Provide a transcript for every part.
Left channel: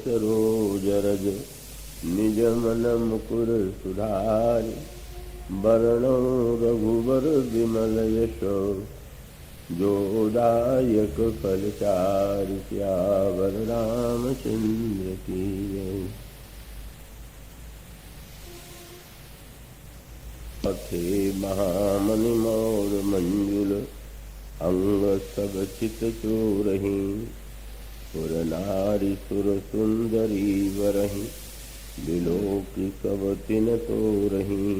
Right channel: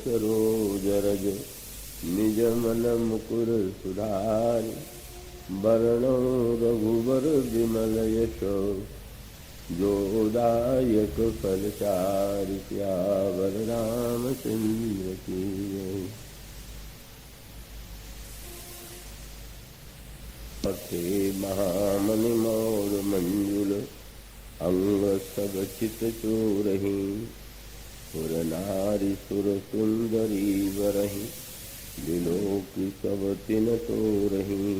सरोज रज निज मल मुकुर सुधारि वरणो रघुबर विमल यशो जोदायक फलचारि सियावर रामचंद्र की जय। अक्षय महामुनि मौर मंजुल अंग सब चित चोरहि सुर नारी सुर सुंदरी मरहि विलोक सब किन तोरहि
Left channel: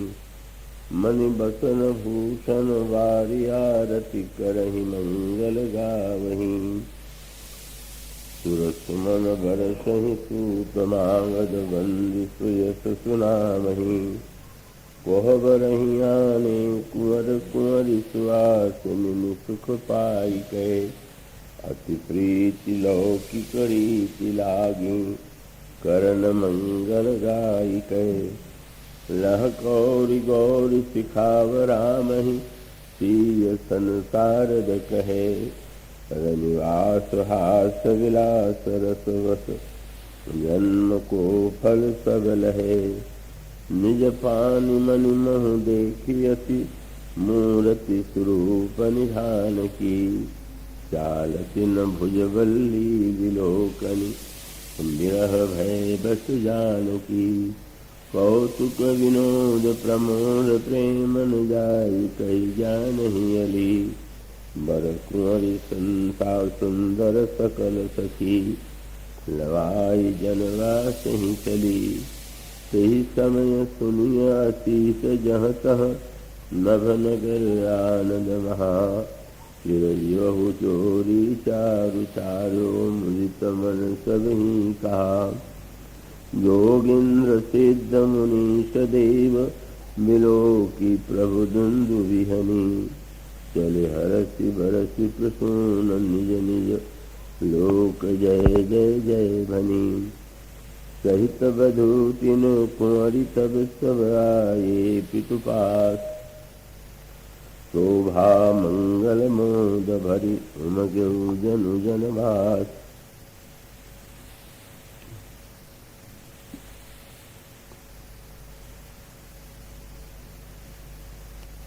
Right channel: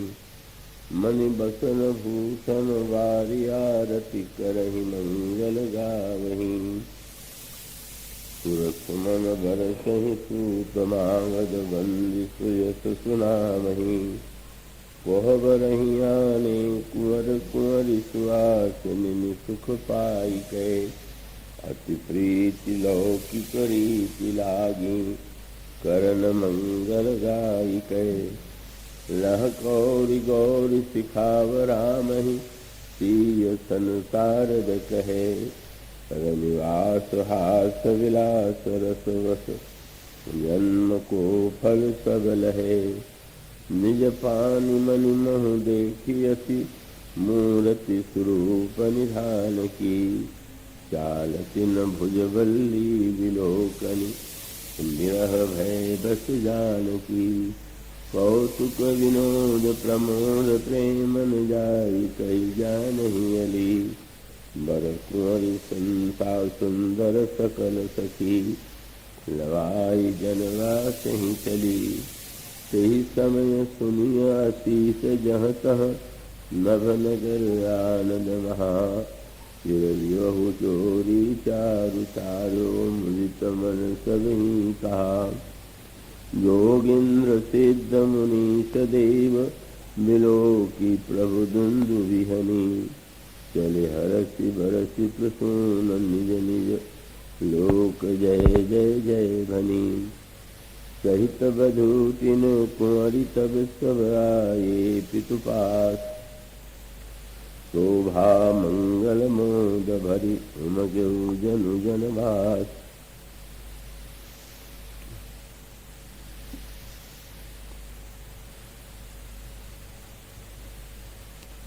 मणि बसन भूषण वारि आरति करहि मंगल गावहि सुर सुमन बरसहि सूत मांगद बंदि सुयस सुनामहि कोहबरहि आने कुंवर कुंवरि सुहासिनी सुख पाइके अति प्रीति लौकिक रीति लागे करन मंगल गायिके रह कौरि गौरि सिखाव रामहि सिय संसार कहे रनिवास हास विलास रस वस जन्म को फल सब लहे निज पानि मणि मोह देखियति मूर्ति स्वरूप निधान की चालति न भुजबल्ली विलोकन विरह भय बस जानकी कौतुक विनोद प्रमोद प्रेम न जाई कही जानहि अली बर कुंवरि संता सुंदर सकल सखी लगाई जनवास ही चली यही समय सुनिय अतीत जह तह नभ नगर आनंद महा विरजहु चोरी चारु चारो मृत मन सबहि कहा जोगिंद्र सिद्ध मुनीश देव मिलो की प्रभु दुंदु विहनी चले हरसि बरसि प्रसून निज निज लोक जय जय जय भनी सहित बधु तीन कुंवरि सब सब आए पितु पास शोभा मंगल मोद भरि उमगेउ जनु जनवास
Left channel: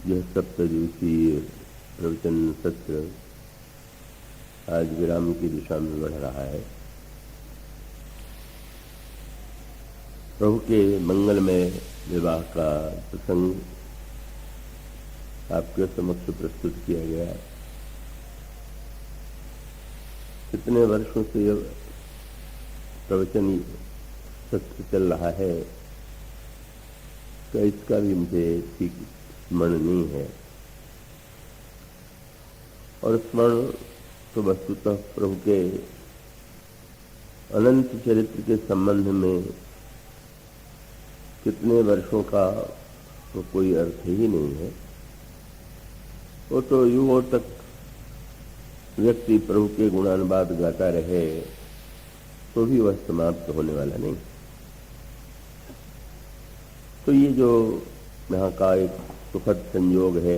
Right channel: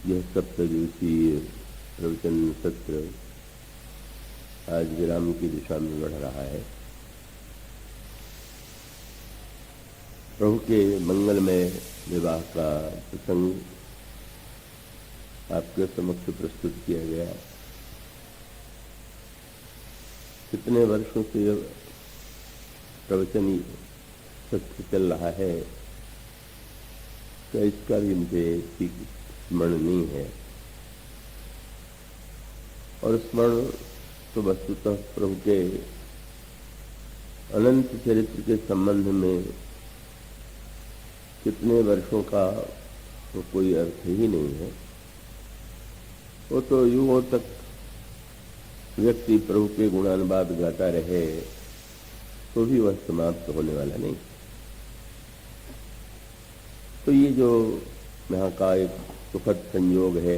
यह सप्तदिवसीय प्रवचन सत्र आज विराम की दिशा में बढ़ रहा है। प्रभु के मंगल में विवाह का प्रसंग आपके समक्ष प्रस्तुत किया गया। कितने वर्षों से यह प्रवचन सत्र चल रहा है तो इसका भी मुझे ठीक स्मरण नहीं है और स्मरण तो वस्तुतः प्रभु के अनंत चरित्र के संबंध में कितने वर्षों का तो कोई अर्थ ही नहीं है। वो तो युगों तक व्यक्ति प्रभु के गुणानुवाद गाता रहे तो भी वह समाप्त होने वाला नहीं। तो ये जो यहाँ का एक सुखद संयोग है,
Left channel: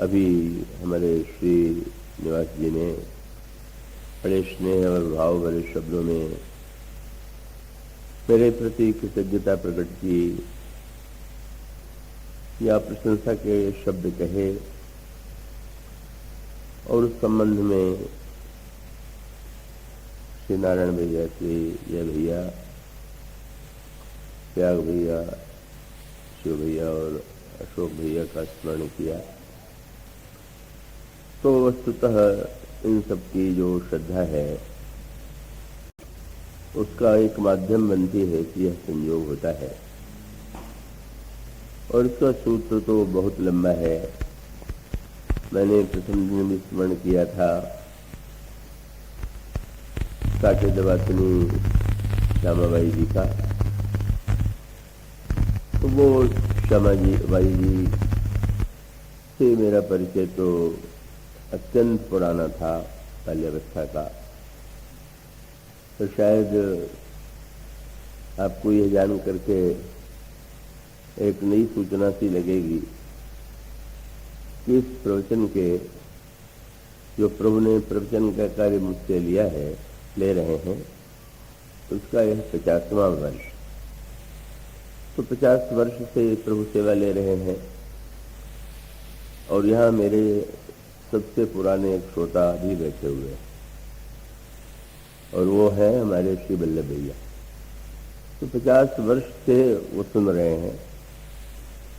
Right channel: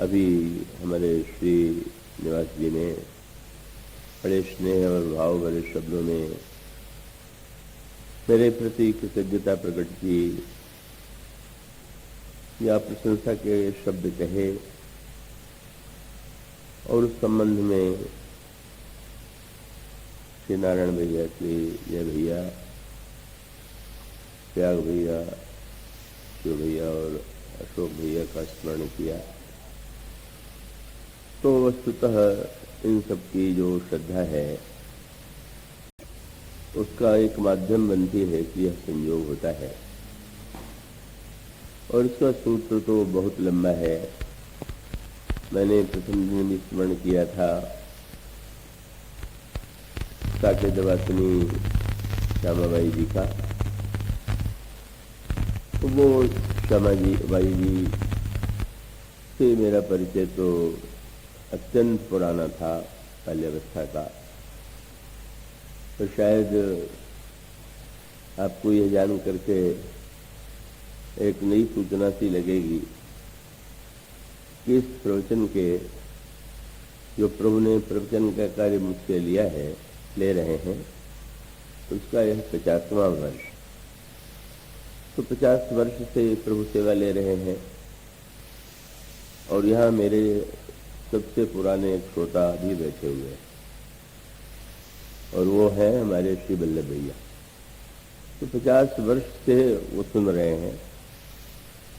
अभी हमारे श्री निवास जी ने बड़े स्नेह और भाव भरे शब्दों में मेरे प्रति कृतज्ञता प्रकट की या प्रशंसा के शब्द कहे और उस संबंध में श्री नारायण भैया, श्री जय भैया, त्याग भैया, शिव भैया और अशोक भैया का स्मरण किया तो वस्तुतः इन सब की जो श्रद्धा है उसका एक माध्यम बनती है कि यह संयोग होता है और इसका सूत्र तो बहुत लंबा है। मैंने प्रथम दिन में स्मरण किया था काटे दवासिनी श्यामाबाई जी का, तो वो श्यामाबाई जी से मेरा परिचय तो अत्यंत पुराना था, बाल्यावस्था का। तो शायद आपको यह जान करके एक नई सूचना सी लगेगी कि इस प्रवचन के जो प्रभु ने प्रवचन का कार्य मुझसे लिया है ले रहे हैं, उसका यह 50वां वर्ष। तो 50 वर्ष से प्रभु सेवा ले रहे हैं। और यहाँ मेरे सबसे पुराने एक श्रोता भी बैठे हुए हैं, और वो है हमारे श्री वल्लभ भैया। तो 50 वर्ष से वो सुन रहे हैं।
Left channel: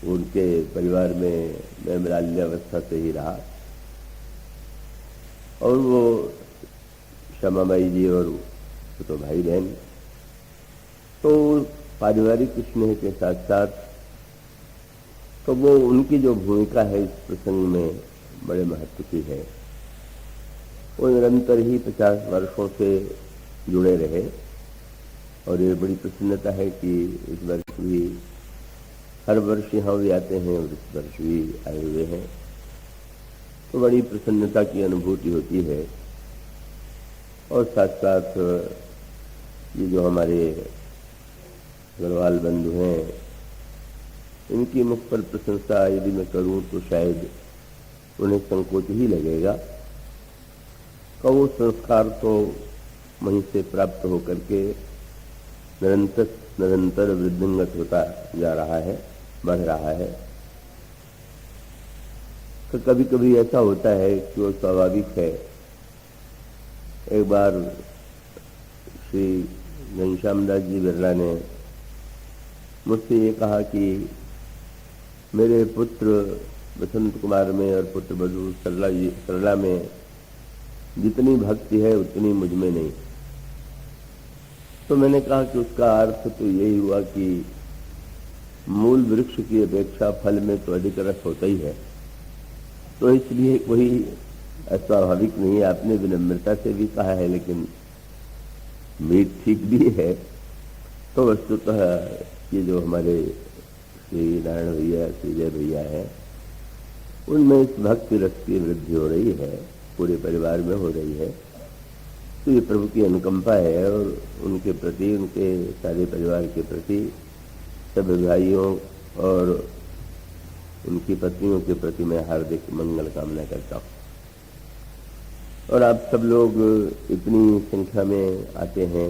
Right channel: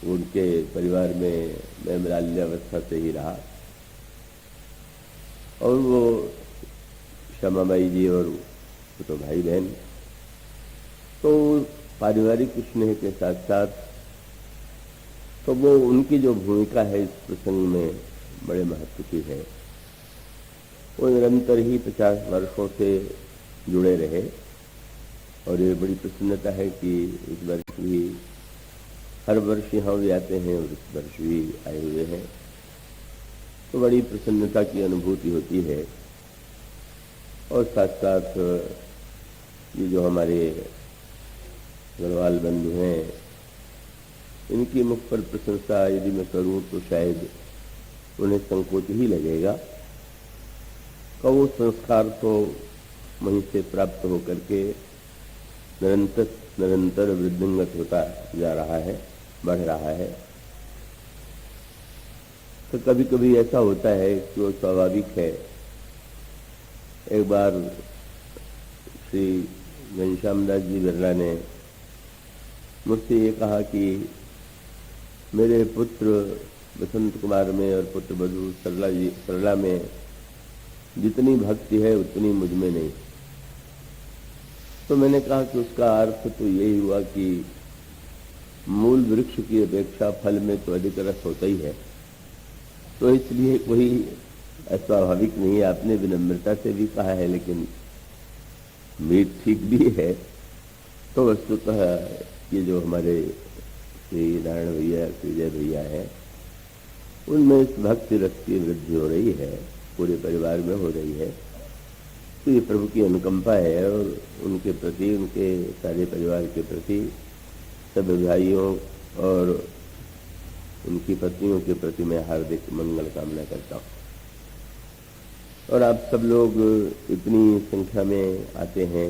उनके परिवार में मैं बाल्यावस्था से ही रहा, और वो श्यामा माई जी और तो भाई बहन, तो पारिवारिक स्नेह के साथ साथ तो वो उनकी जो भूमिका है इस प्रसंग में बड़े महत्व की है। वो निरंतर ही 50 वर्षों से जुड़े रहे, और ये बड़ी प्रसन्नता है कि इस वर्ष भी हर वर्ष यहाँ भी आते हैं और इस वर्ष भी आए हुए हैं। तो बड़ी प्रसन्नता की अनुभूति होती है। और साथ साथ ये जो हमारे अग्रवाल बंधु हैं, इनकी मुख पर प्रशंसा यदि मैं करूँ तो शायद उन्हें संकोच ही लगेगा। तो वो संस्कार तो वहीं से प्राप्त होकर के निरंतर वृद्धिंगत होता जा रहा है, बढ़ रहा है। तो कभी कभी ऐसा होता है कि वो स्वाभाविक है। एक बार श्री घनश्याम दास जी बिरला ने मुझसे ये कहा कि मेरे पुत्र बसंत कुमार में और पुत्र बधू सरला में जितनी भक्ति है उतनी मुझ में नहीं। तो मैंने कहा कि उसका अर्थ तो यही हुआ कि मूल वृक्ष की अपेक्षा फल में तो अधिक रस होता ही है, तो इसलिए कोई अस्वाभाविक नहीं। आपने विनम्रता से भी कहा है, लेकिन मीठ ठीक भी है। तो वस्तुतः ये जो हमारे श्री नारायण भैया, श्री जय भैया है, उनमें इस भक्ति रस की वृद्धि हो रही है, पूरे परिवार में हो रही है। तो ये प्रभु की अनुकंपा है, और उनके प्रति, उनके सारे परिवार के प्रति, सभी भाइयों और उनकी पत्नियों के प्रति मैं हार्दिक मंगल कामना करता हूँ। और आप सब लोग इतनी संख्या में आते हैं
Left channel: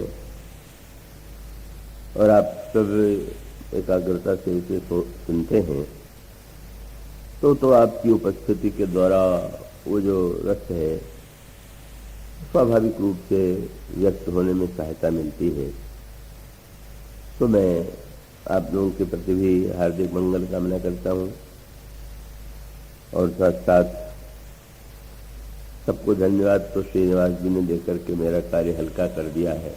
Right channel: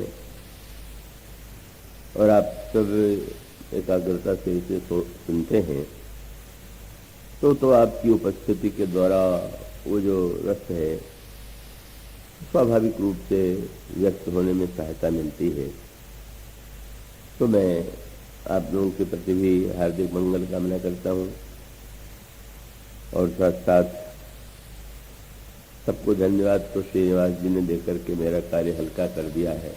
और आप सब एकाग्रता से इसे सुनते हैं, तो आपकी उपस्थिति के द्वारा वो जो रस है स्वाभाविक रूप से व्यक्त होने में सहायता मिलती है। तो मैं आप लोगों के प्रति भी हार्दिक मंगल कामना करता हूँ, और साथ साथ सबको धन्यवाद तो श्रीनिवास जी ने देकर के मेरा कार्य हल्का कर दिया है।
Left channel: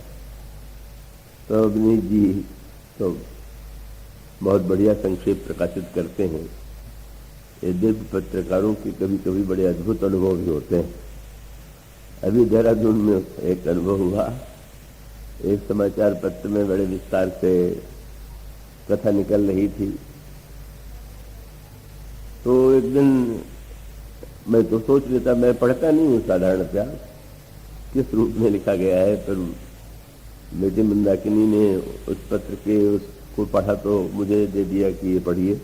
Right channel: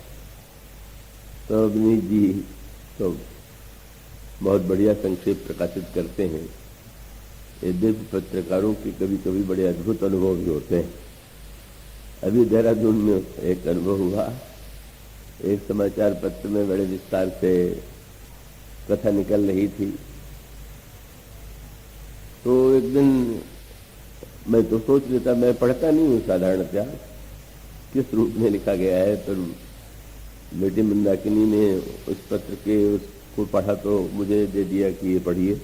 तो अभिनीत जी तो बहुत बढ़िया संक्षेप प्रकाशित करते हैं। ये दिव्य पत्रकारों के कभी कभी बड़े अद्भुत अनुभव भी होते हैं। अभी देहरादून में एक अनुभव हुआ, एक समाचार पत्र में बड़े विस्तार से कथा निकल रही थी। तो एक दिन मैं तो सोच लेता, मैं पढ़ता नहीं हूँ साधारणतया किस रूप में लिखा गया है, पर बेटी मंदाकिनी ने उस पत्र के उसको पढ़ा तो मुझे दे दिया कि ये पढ़िए।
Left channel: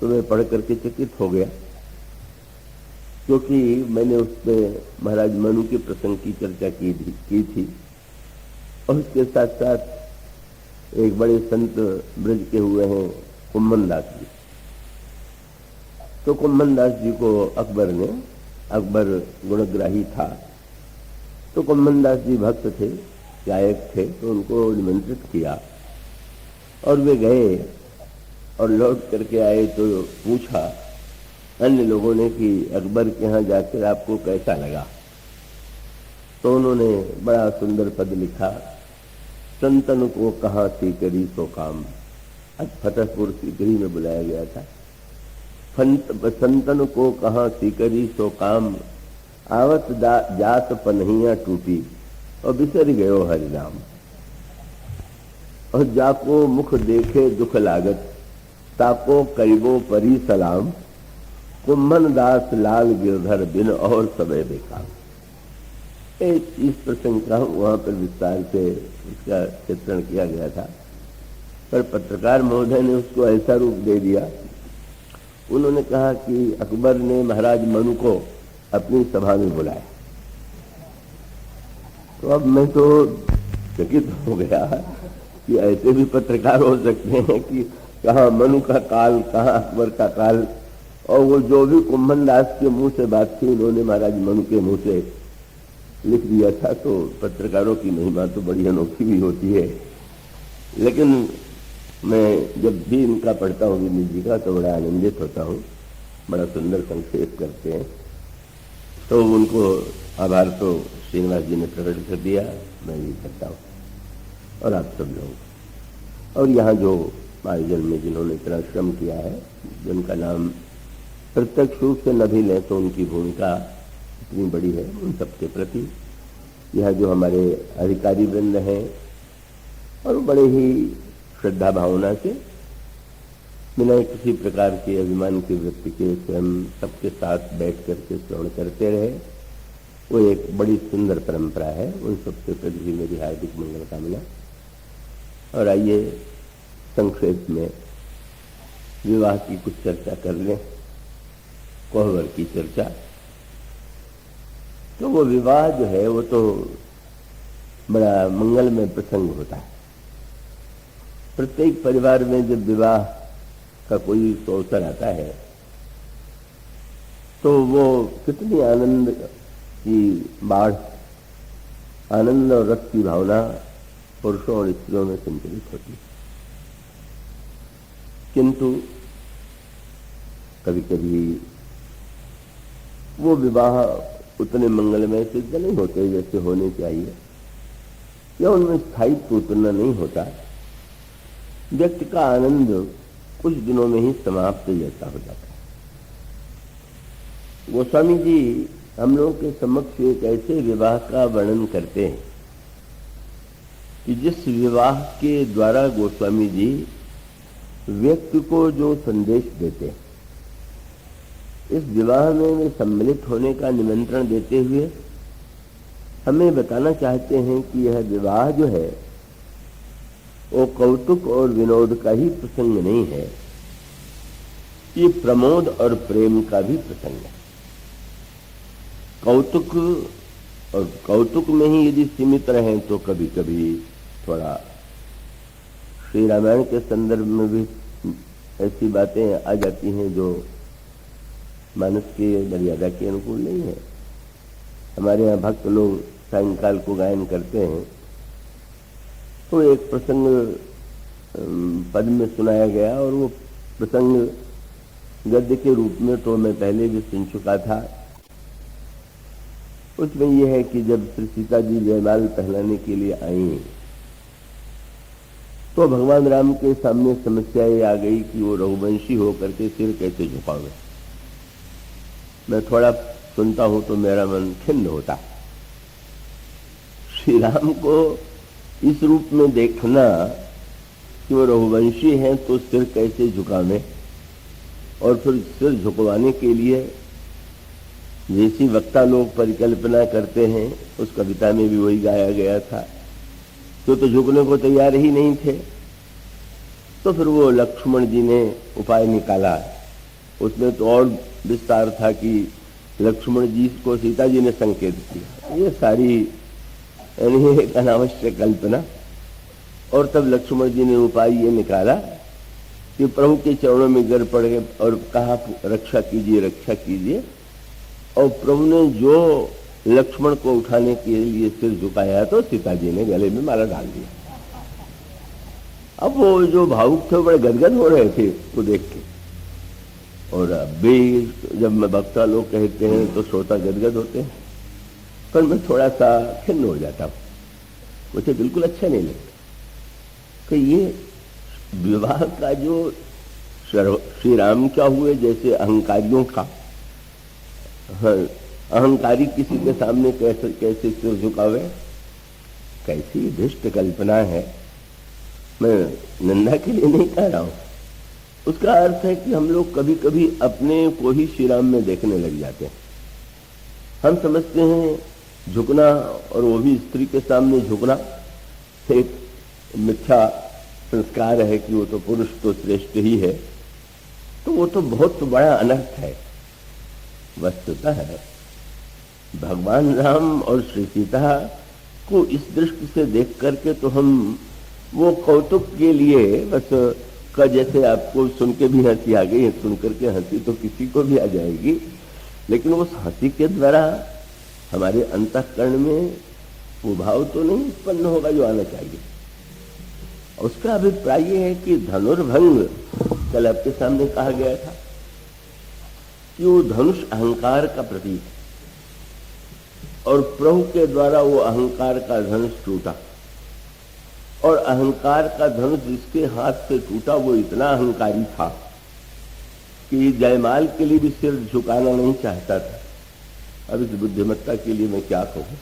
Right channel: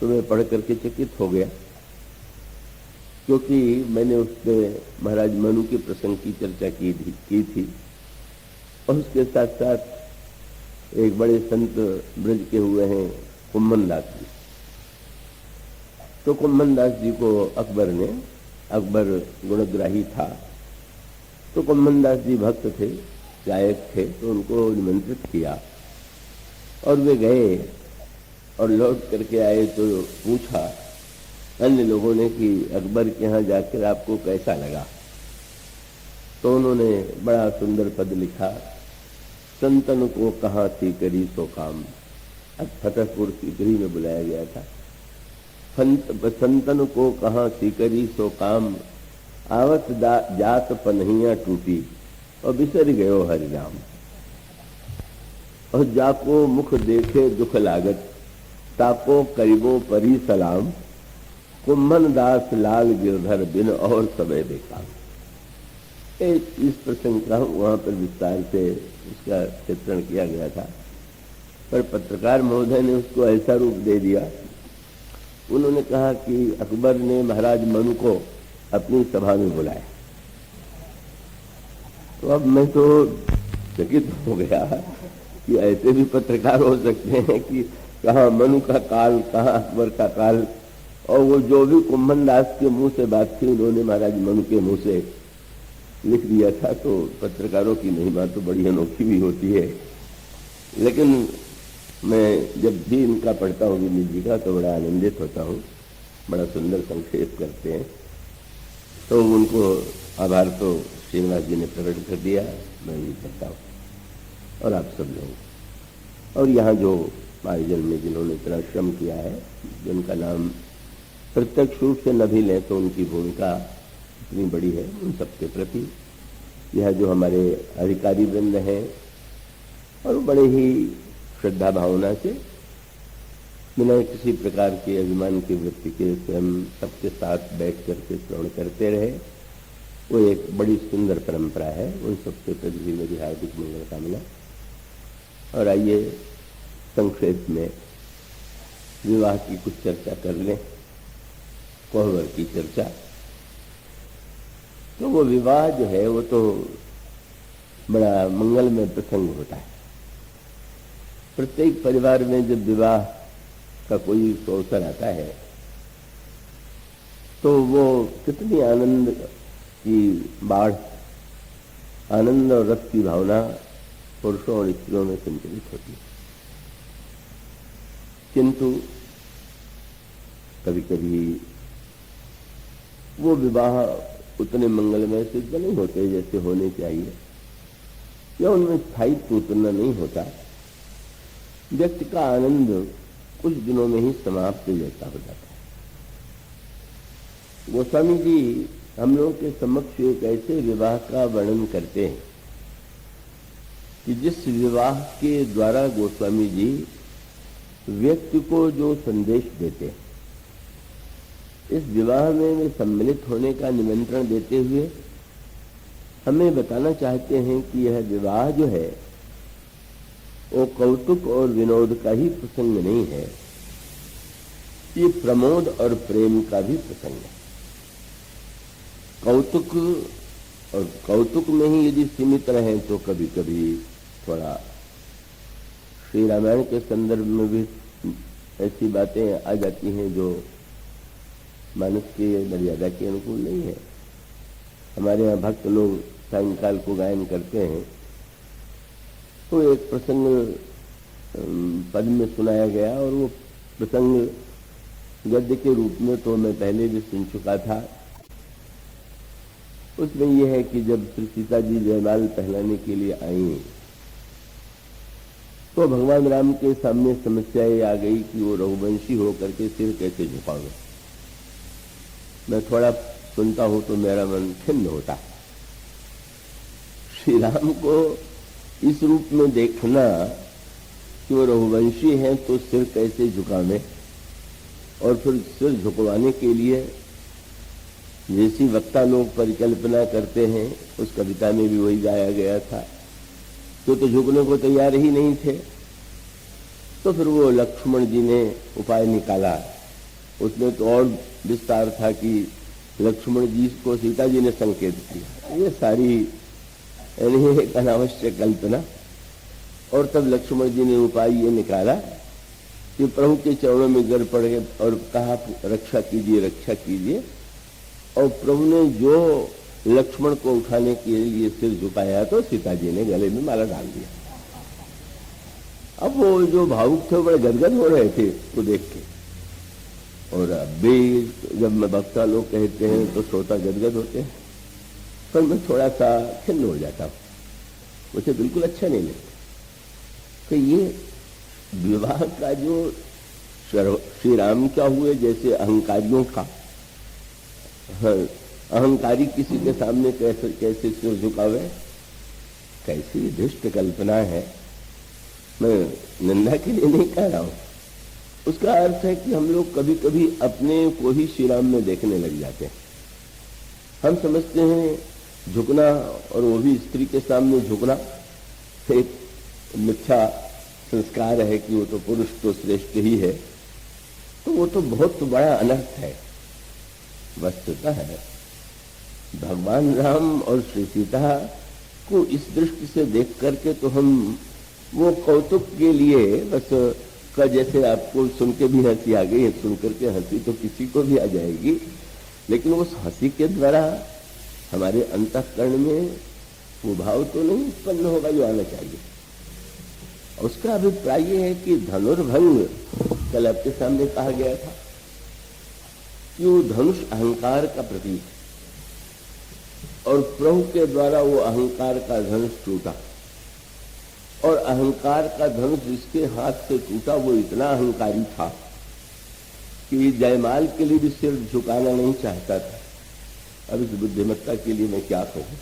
तो मैं पढ़ करके चकित हो गया, क्योंकि मैंने उसमें महाराज मनु के प्रसंग की चर्चा की थी, और उसके साथ साथ एक बड़े संत ब्रज के हुए हैं कुम्भन दास जी। तो कुम्भन दास जी को अकबर गुणग्राही था, तो कुम्भन दास जी भक्त थे, गायक थे, तो उनको निमंत्रित किया और वे गए और लौट करके आए तो पूछा अन्य लोगों ने कि अकबर के यहाँ जाकर आपको कैसा लगा। तो उन्होंने बड़ा सुंदर पद लिखा, संतन को कहाँ सीकरी सो काम। फतेहपुर सीकरी में बुलाया गया था। संतन को कहाँ सीकरी सो काम, आवत जात पनहिया टूटी और बिसर गयो हरिनाम। और जाको मुख देखे दुख लागत, ताको करीबों परी सलाम। कुम्भन दास लाल गिरधर बिन और सबे बेकार। इस प्रसंग का वहां पर विस्तार से उसका चित्रण किया गया था, पर पत्रकार महोदय ने उसको ऐसा रूप दे दिया। उन्होंने कहा कि अकबर ने महाराज मनु को अपनी सभा में बुलाया तो अब मैं तो चकित हो गया कि ऐसे भी पत्रकार हो सकते हैं कि कहाँ मनु का काल, कहाँ अकबर का काल। और वो जो भी कुंभन दास के मुंह से बात थी उन्होंने महाराज मनु के मुंह से लिख दिया था। तो पत्रकारों की महिमा तो बड़ी अनोखी भी होती है। लेकिन मैं जब भी इनका पढ़ता हूँ विनीत जी का तो बड़ा आनंदित होता हूँ। बड़ा सुंदर संक्षेप करते हैं। तो उनको आभार तो श्रीनिवास जी ने प्रकट कर दिया, मैं ये करता हूँ। और आप सब लोग, और यहाँ जो पारिजन में जिन्होंने इतना श्रम किया है, जिनका नाम प्रत्यक्ष रूप से न भी ले तो उनकी भूमिका इतनी बड़ी है, उन सबके प्रति यहाँ जो हमारे अधिकारी वृंद हैं और बड़े ही श्रद्धा भावना से बिना किसी प्रकार के अभिमान की वृत्ति के स्वयं सबके साथ बैठ करके श्रवण करते रहे, वो एक बड़ी सुंदर परंपरा है। उन सबके प्रति भी मेरी हार्दिक मंगल कामना। और आइए संक्षेप में विवाह की कुछ चर्चा कर लें, कोहबर की चर्चा। तो वो विवाह जो है वो तो बड़ा मंगलमय प्रसंग होता है। प्रत्येक परिवार में जब विवाह का कोई अवसर आता है तो वो कितनी आनंद की बाढ़, आनंद और रस की भावना पुरुषों और स्त्रियों में संचालित होती है। किंतु कभी कभी वो विवाह उतने मंगलमय सिद्ध नहीं होते जैसे होने चाहिए, या उनमें स्थायित्व उतना नहीं होता। व्यक्ति का आनंद कुछ दिनों में ही समाप्त जैसा हो जाता है। गोस्वामी जी हम लोगों के समक्ष एक ऐसे विवाह का वर्णन करते हैं कि जिस विवाह के द्वारा गोस्वामी जी व्यक्ति को जो संदेश देते हैं, इस विवाह में वे सम्मिलित होने का निमंत्रण देते हुए हमें बताना चाहते हैं कि यह विवाह जो है वो कौतुक और विनोद का ही प्रसंग नहीं है, ये प्रमोद और प्रेम का भी प्रसंग है। कौतुक और कौतुक में ही यदि सीमित रहे तो कभी कभी थोड़ा श्री रामायण के संदर्भ में भी ऐसी बातें आ जाती हैं जो मानस की मर्यादा के अनुकूल नहीं है। हमारे यहाँ भक्त लोग सायंकाल को गायन करते हैं, तो एक प्रसंग पद में सुनाया गया और वो प्रसंग गद्य के रूप में तो मैं पहले भी सुन चुका था। उसमें यह है कि जब श्री सीता जी जयमाल पहनाने के लिए आई तो भगवान राम के सामने समस्या ये आ गई कि वो रघुवंशी होकर के सिर कैसे झुकावे। मैं थोड़ा सुनता हूं तो मेरा मन खिन्न होता। श्री राम को इस रूप में देखना कि वो रघुवंशी है तो सिर कैसे झुकावे, और फिर सिर झुकवाने के लिए जैसी वक्ता लोग परिकल्पना करते हैं, उस कविता में भी वही गाया गया था, तो झुकने को तैयार ही नहीं थे। तो फिर वो लक्ष्मण जी ने उपाय निकाला। उसमें तो और विस्तार था कि लक्ष्मण जी को सीता जी ने संकेत किया। ये सारी यानी एक अनावश्यक कल्पना। और तब लक्ष्मण जी ने उपाय ये निकाला कि प्रभु के चरणों में गिर पड़ गए और कहा रक्षा कीजिए, रक्षा कीजिए। और प्रभु ने जो लक्ष्मण को उठाने के लिए सिर झुकाया तो सीता जी ने गले में माला डाल दिया। अब वो जो भावुक थे बड़े गदगद हो रहे थे वो देख के। और अभी जब मैं वक्ता लोग कहते हैं तो श्रोता गदगद होते हैं, पर मैं थोड़ा सा खिन्न हो जाता हूँ, मुझे बिल्कुल अच्छा नहीं लगता कि ये विवाह का जो श्री राम क्या हुए जैसे अहंकारियों का, अहंकारी किसी के सामने कैसे कैसे सिर झुकावे, कैसी दुष्ट कल्पना है। मैं निंदा के लिए नहीं कह रहा हूं। उसका अर्थ है कि हम लोग कभी कभी अपने को ही श्री राम में देखने लग जाते हैं। हम समझते हैं झुकना, और वो भी स्त्री के सामने झुकना, एक मिथ्या संस्कार है कि वो तो पुरुष तो श्रेष्ठ ही है। तो वो तो बहुत बड़ा अनर्थ है। वस्तुतः है भगवान राम और श्री सीता को इस दृष्टि से देख करके तो हम वो कौतुक के लिए बस का, जैसे आपको सुन के भी हंसी आ गई है, सुन करके हंसी तो किसी को भी आ जाएगी, लेकिन उस हंसी के द्वारा हमारे अंतःकरण में वो भाव तो नहीं उत्पन्न होगा जो आना चाहिए। उसका अभिप्राय ये है कि धनुर्भंग, कल आपके सामने कहा गया था कि वो धनुष अहंकार का प्रतीक है, और प्रभु के द्वारा वो अहंकार का धनुष टूटा, और अहंकार का धनुष जिसके हाथ से टूटा वो इतना अहंकारी था कि जयमाल के लिए भी सिर झुकाना नहीं चाहता था। अब इस बुद्धिमत्ता के लिए मैं क्या कहूं?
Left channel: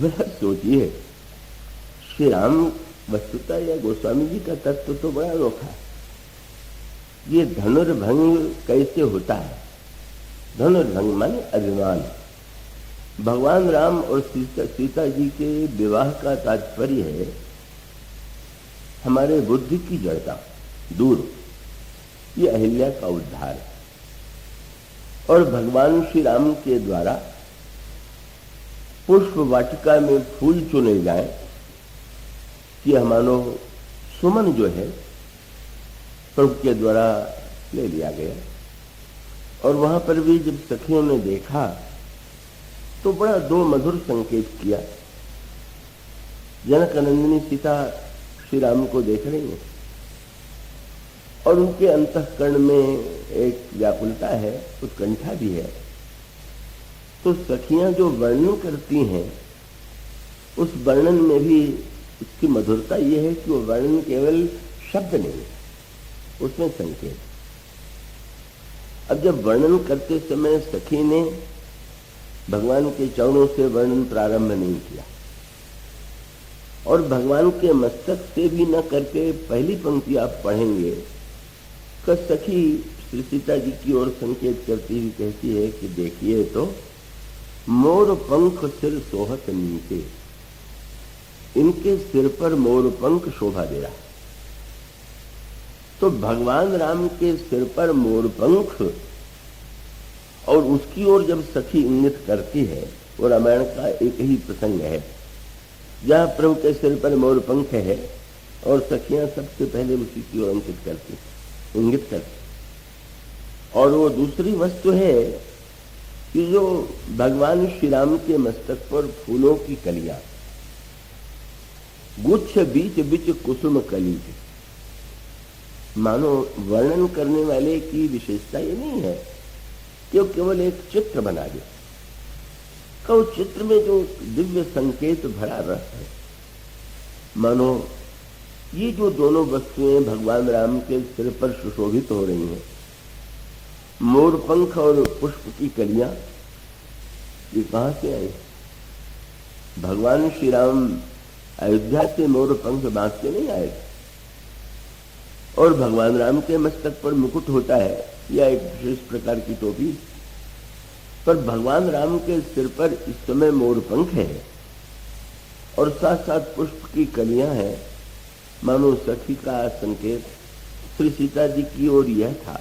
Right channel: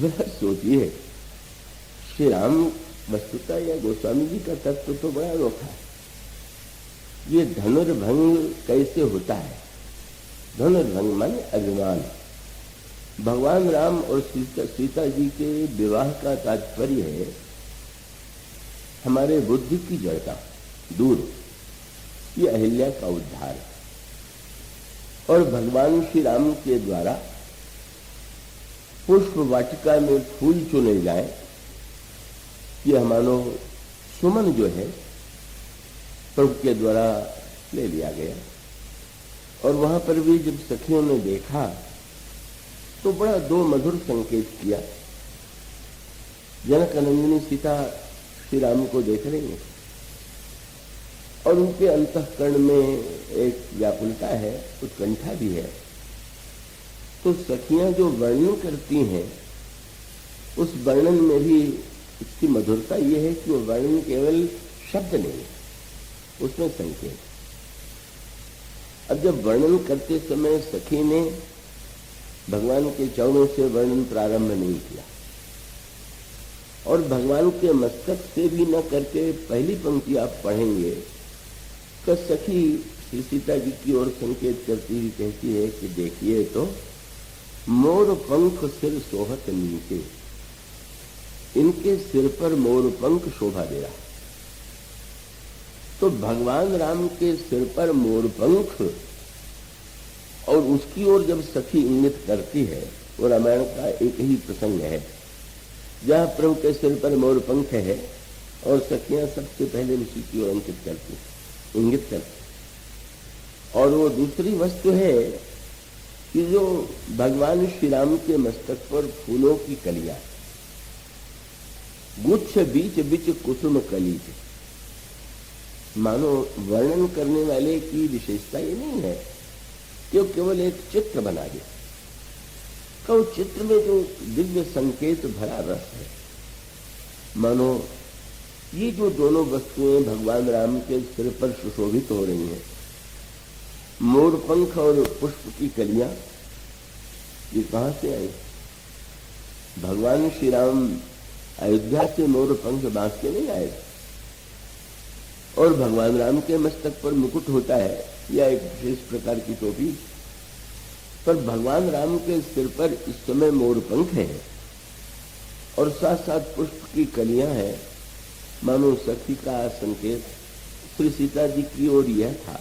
बड़ा सोचिए, श्री राम वस्तुता या गोस्वामी जी का तत्व तो बड़ा अनोखा है। ये धनुर्भंग कैसे होता है? धनुर्भंग माने अभिमान। भगवान राम और सीता जी के विवाह का तात्पर्य है हमारे बुद्धि की जड़ता दूर, ये अहिल्या का उद्धार है। और भगवान श्री राम के द्वारा पुष्प वाटिका में फूल चुने जाए, कि हमारो सुमन जो है प्रभु के द्वारा ले लिया गया। और वहां पर भी जब सखियों ने देखा तो बड़ा दो मधुर संकेत किया। जनकनंदिनी सीता श्री राम को देख रही है और उनके अंतःकरण में एक व्याकुलता है, उत्कंठा भी है। तो सखियां जो वर्णन करती हैं उस वर्णन में भी इसकी मधुरता ये है कि वो वर्णन केवल शब्द नहीं, उसमें संकेत। अब जब वर्णन करते समय सखी ने भगवान के चरणों से वर्णन प्रारंभ नहीं किया और भगवान के मस्तक से भी न करके पहली पंक्ति आप पढ़ेंगे तो सखी श्री सीता जी की ओर संकेत करती हुई कहती है कि देखिए तो मोर पंख सिर सोहत नीचे, इनके सिर पर मोर पंख शोभा दे रहा है। तो भगवान राम के सिर पर मोर पंख, और उसकी ओर जब सखी इंगित करती है, वो रामायण का एक ही प्रसंग है जहाँ प्रभु के सिर पर मोर पंख है और सखियां सबसे पहले उसी की ओर इंगित करती। और वो दूसरी वस्तु है कि जो भगवान श्री राम के मस्तक पर फूलों की कलियां, गुच्छ बीच बीच कुसुम कली, मानो वर्णन करने वाले की विशेषता ये नहीं है कि वो केवल एक चित्र बना दिया, तो चित्र में जो दिव्य संकेत भरा रस है। मानो ये जो दोनों वस्तुएं भगवान राम के सिर पर सुशोभित हो रही हैं, मोर पंख और पुष्प की कलियां, ये कहां से आई? भगवान श्री राम अयोध्या से मोर पंख बांध के नहीं आए, और भगवान राम के मस्तक पर मुकुट होता है या एक विशेष प्रकार की टोपी, पर भगवान राम के सिर पर इस समय मोर पंख है और साथ साथ पुष्प की कलियां हैं। मानो सखी का संकेत श्री सीता जी की ओर यह था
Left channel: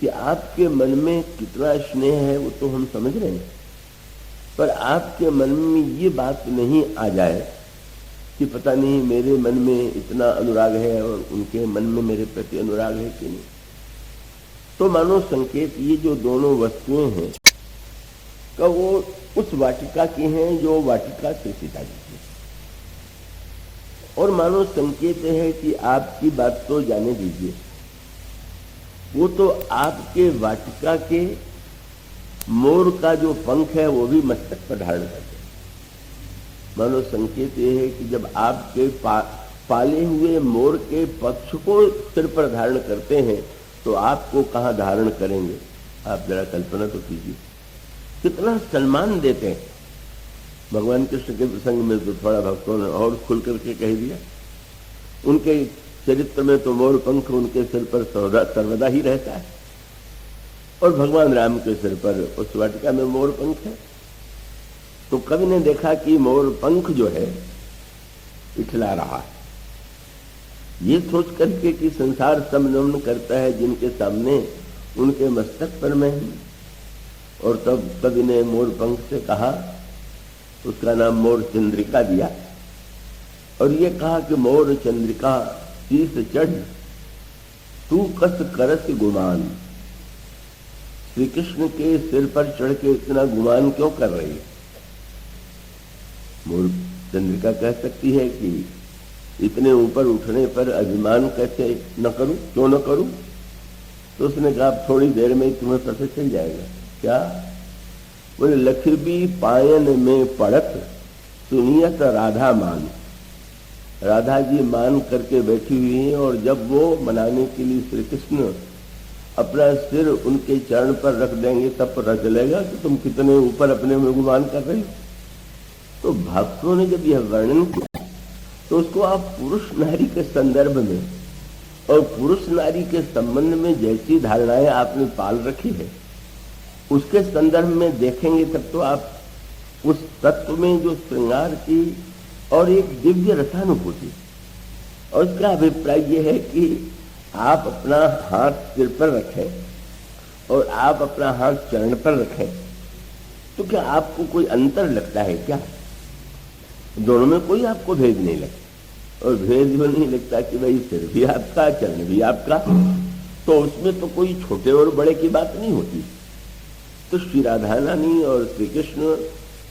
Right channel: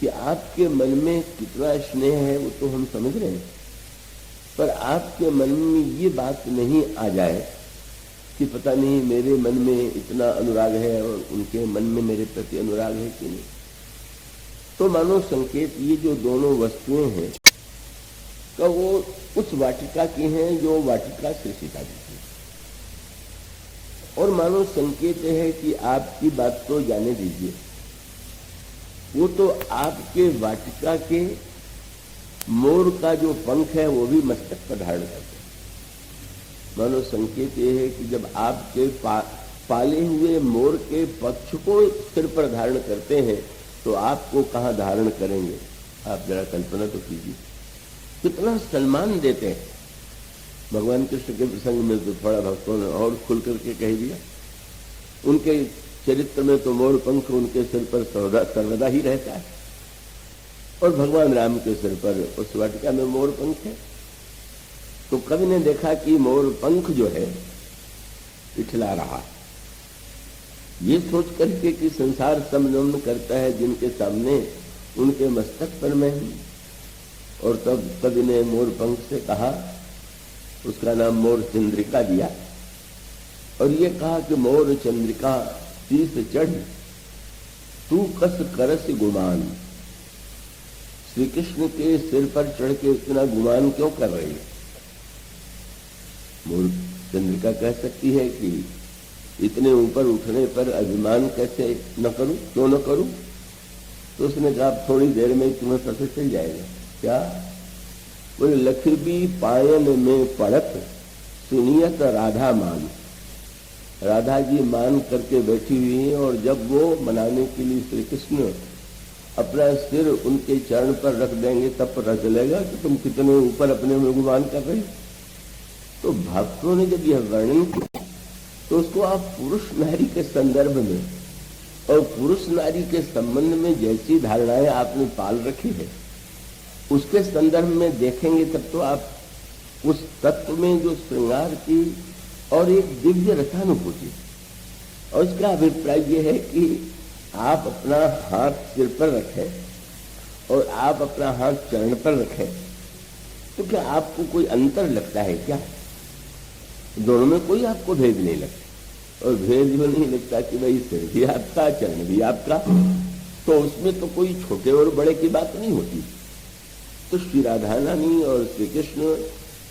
कि आपके मन में कितना स्नेह है वो तो हम समझ रहे हैं, पर आपके मन में ये बात नहीं आ जाए कि पता नहीं मेरे मन में इतना अनुराग है और उनके मन में मेरे प्रति अनुराग है कि नहीं। तो मानो संकेत ये जो दोनों वस्तुएं हैं का वो उस वाटिका के हैं जो वाटिका से सीता की, और मानो संकेत है कि आपकी बात तो जाने दीजिए, वो तो आपके वाटिका के मोर का जो पंख है वो भी मस्तक पर धारण करते हैं। मानो संकेत ये है कि जब आपके पाले हुए मोर के पक्ष को सिर पर धारण करते हैं तो आपको कहाँ धारण करेंगे? आप जरा कल्पना तो कीजिए, कितना सम्मान देते हैं। भगवान कृष्ण के प्रसंग में तो थोड़ा भक्तों ने और खुल करके कह दिया, उनके चरित्र में तो मोर पंख उनके सिर पर सर्वदा ही रहता है, और भगवान राम के सिर पर उस वाटिका में मोर पंख है। तो कवि ने देखा कि मोर पंख जो है पिछला रहा है, ये सोच करके कि संसार समनमन करता है जिनके सामने उनके मस्तक पर में, और तब कवि ने मोर पंख से कहा उसका नाम मोर चंद्रिका दिया और ये कहा कि मोर चंद्रिका शीस चढ़ तू कस करस गुमान। श्री कृष्ण के सिर पर चढ़ के इतना गुमान क्यों कर रही है? मोर चंद्रिका कह सकती है कि इतने ऊपर उठने पर अभिमान कैसे न करूं, क्यों न करूं? तो उसने कहा थोड़ी देर में तुम्हें पता चल जाएगा। क्या? बोले लखबी पायन में पड़त सुनियत राधा मान। राधा जी मान करके बैठी हुई हैं और जब वो मनाने के लिए श्री कृष्ण अपना सिर उनके चरण पर रख देंगे तब पता चलेगा कि तुम कितने ऊपर अपने में गुमान कर रहे हो। तो भक्तों ने जब यह वर्णन किया तो उसको आप पुरुष नारी के संदर्भ में और पुरुष नारी के संबंध में जैसी धारणाएं आपने पाल रखी है उसके संदर्भ में देखेंगे तब तो आप उस तत्व में जो श्रृंगार की और एक दिव्य रसानुभूति, और उसका अभिप्राय यह है कि आप अपना हाथ सिर पर रखें और आप अपना हाथ चरण पर रखें तो क्या आपको कोई अंतर लगता है क्या? दोनों में कोई आपको भेद नहीं लगता। और भेद जो नहीं लगता कि भाई सिर भी आपका चरण भी आपका, तो उसमें तो कोई छोटे और बड़े की बात नहीं होती। तो श्री राधा रानी और श्री कृष्ण,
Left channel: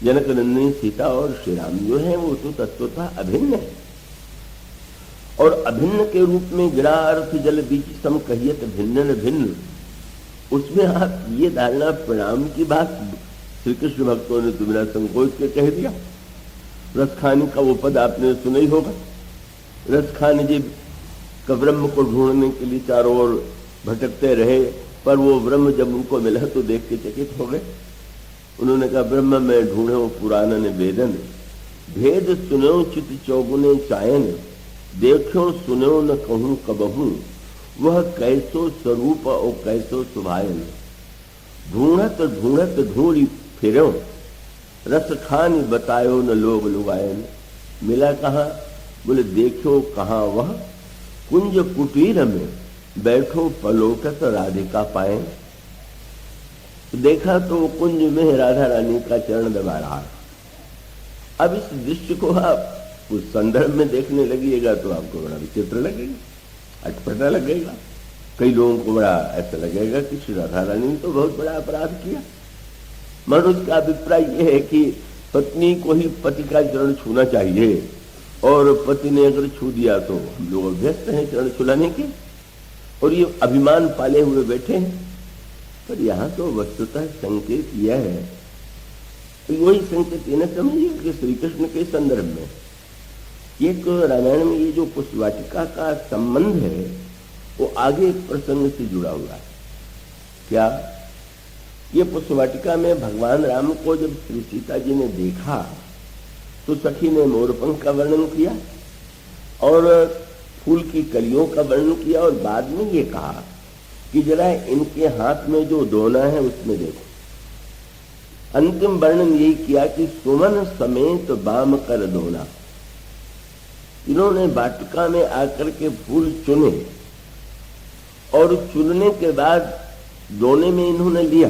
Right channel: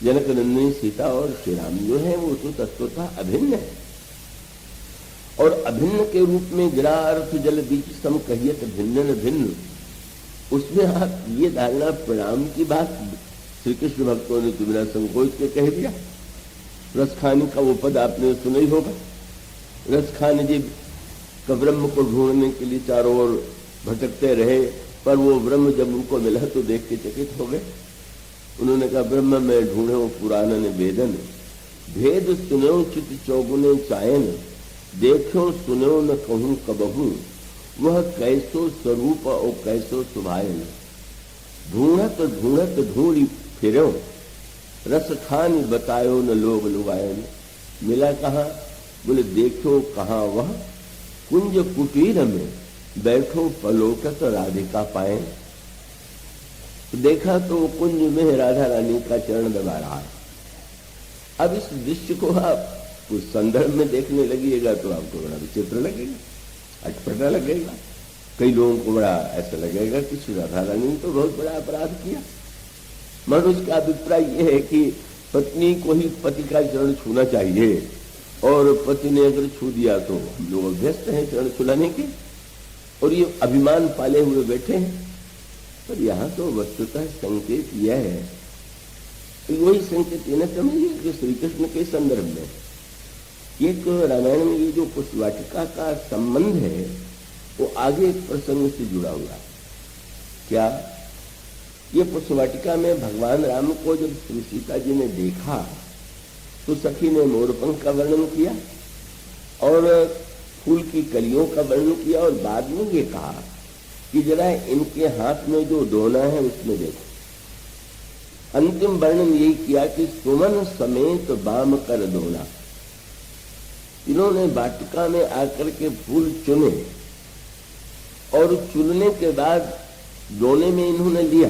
जनक नंदिनी सीता और श्री राम जो है वो तो तत्वतः अभिन्न है। और अभिन्न के रूप में गिरा अर्थ जल बीच सम कहियत भिन्न भिन्न, उसमें आप ये धारणा प्रणाम की बात श्री कृष्ण भक्तों ने तुम्हारा संकोच के कह दिया। रसखानी का वो पद आपने सुना ही होगा। रसखानी जी का ब्रह्म को ढूंढने के लिए चारों ओर भटकते रहे, पर वो ब्रह्म जब उनको मिला तो देख के चकित हो गए। उन्होंने कहा ब्रह्म में ढूंढो पुराण ने वेदन, भेद सुनो चित चौगुने चायन, देखो सुनो न कहूं कबहू, वह कैसो स्वरूप और कैसो सुभायन। ढूंढत ढूंढत ढूंढी फिरो, रस खानी बतायो न लोग लुगायन। मिला कहाँ? बोले देखो कहाँ वह कुंज कुटीर में बैठो पलोकत राधिका पाए। देखा तो कुंज में राधा रानी का चरण दबा रहा। अब इस दृश्य को आप उस संदर्भ में देखने लगिएगा तो आपको बड़ा विचित्र लगेगा, अटपटा लगेगा। कई लोगों को बड़ा ऐसा लगेगा कि श्री राधा रानी ने तो बहुत बड़ा अपराध किया। मनुष्य का अभिप्राय यह है कि पत्नी को ही पति का चरण छूना चाहिए, और पति ने अगर छू दिया तो हम लोग अभ्यस्त हैं चरण छुलाने के, और ये अभिमान पाले हुए बैठे हैं। पर यहाँ तो वस्तुतः संकेत यह है कि वही संकेत इन्हें समझिए कि श्री कृष्ण के संदर्भ में एक रामायण में ये जो पुष्पवाटिका का संबंध है वो आगे प्रसंग से जुड़ा हुआ है। क्या? ये पुष्पवाटिका में भगवान राम को जब श्री सीता जी ने देखा तो सखी ने मोरपंख का वर्णन किया और फूल की कलियों का वर्णन किया, और बाद में ये कहा कि जरा इनके हाथ में जो दोना है उसमें देखो। अंतिम वर्णन यही किया कि सुमन समेत बाम कर दोना। इन्होंने वाटिका में आकर के फूल चुने और चुनने के बाद दोने में इन्होंने लिया,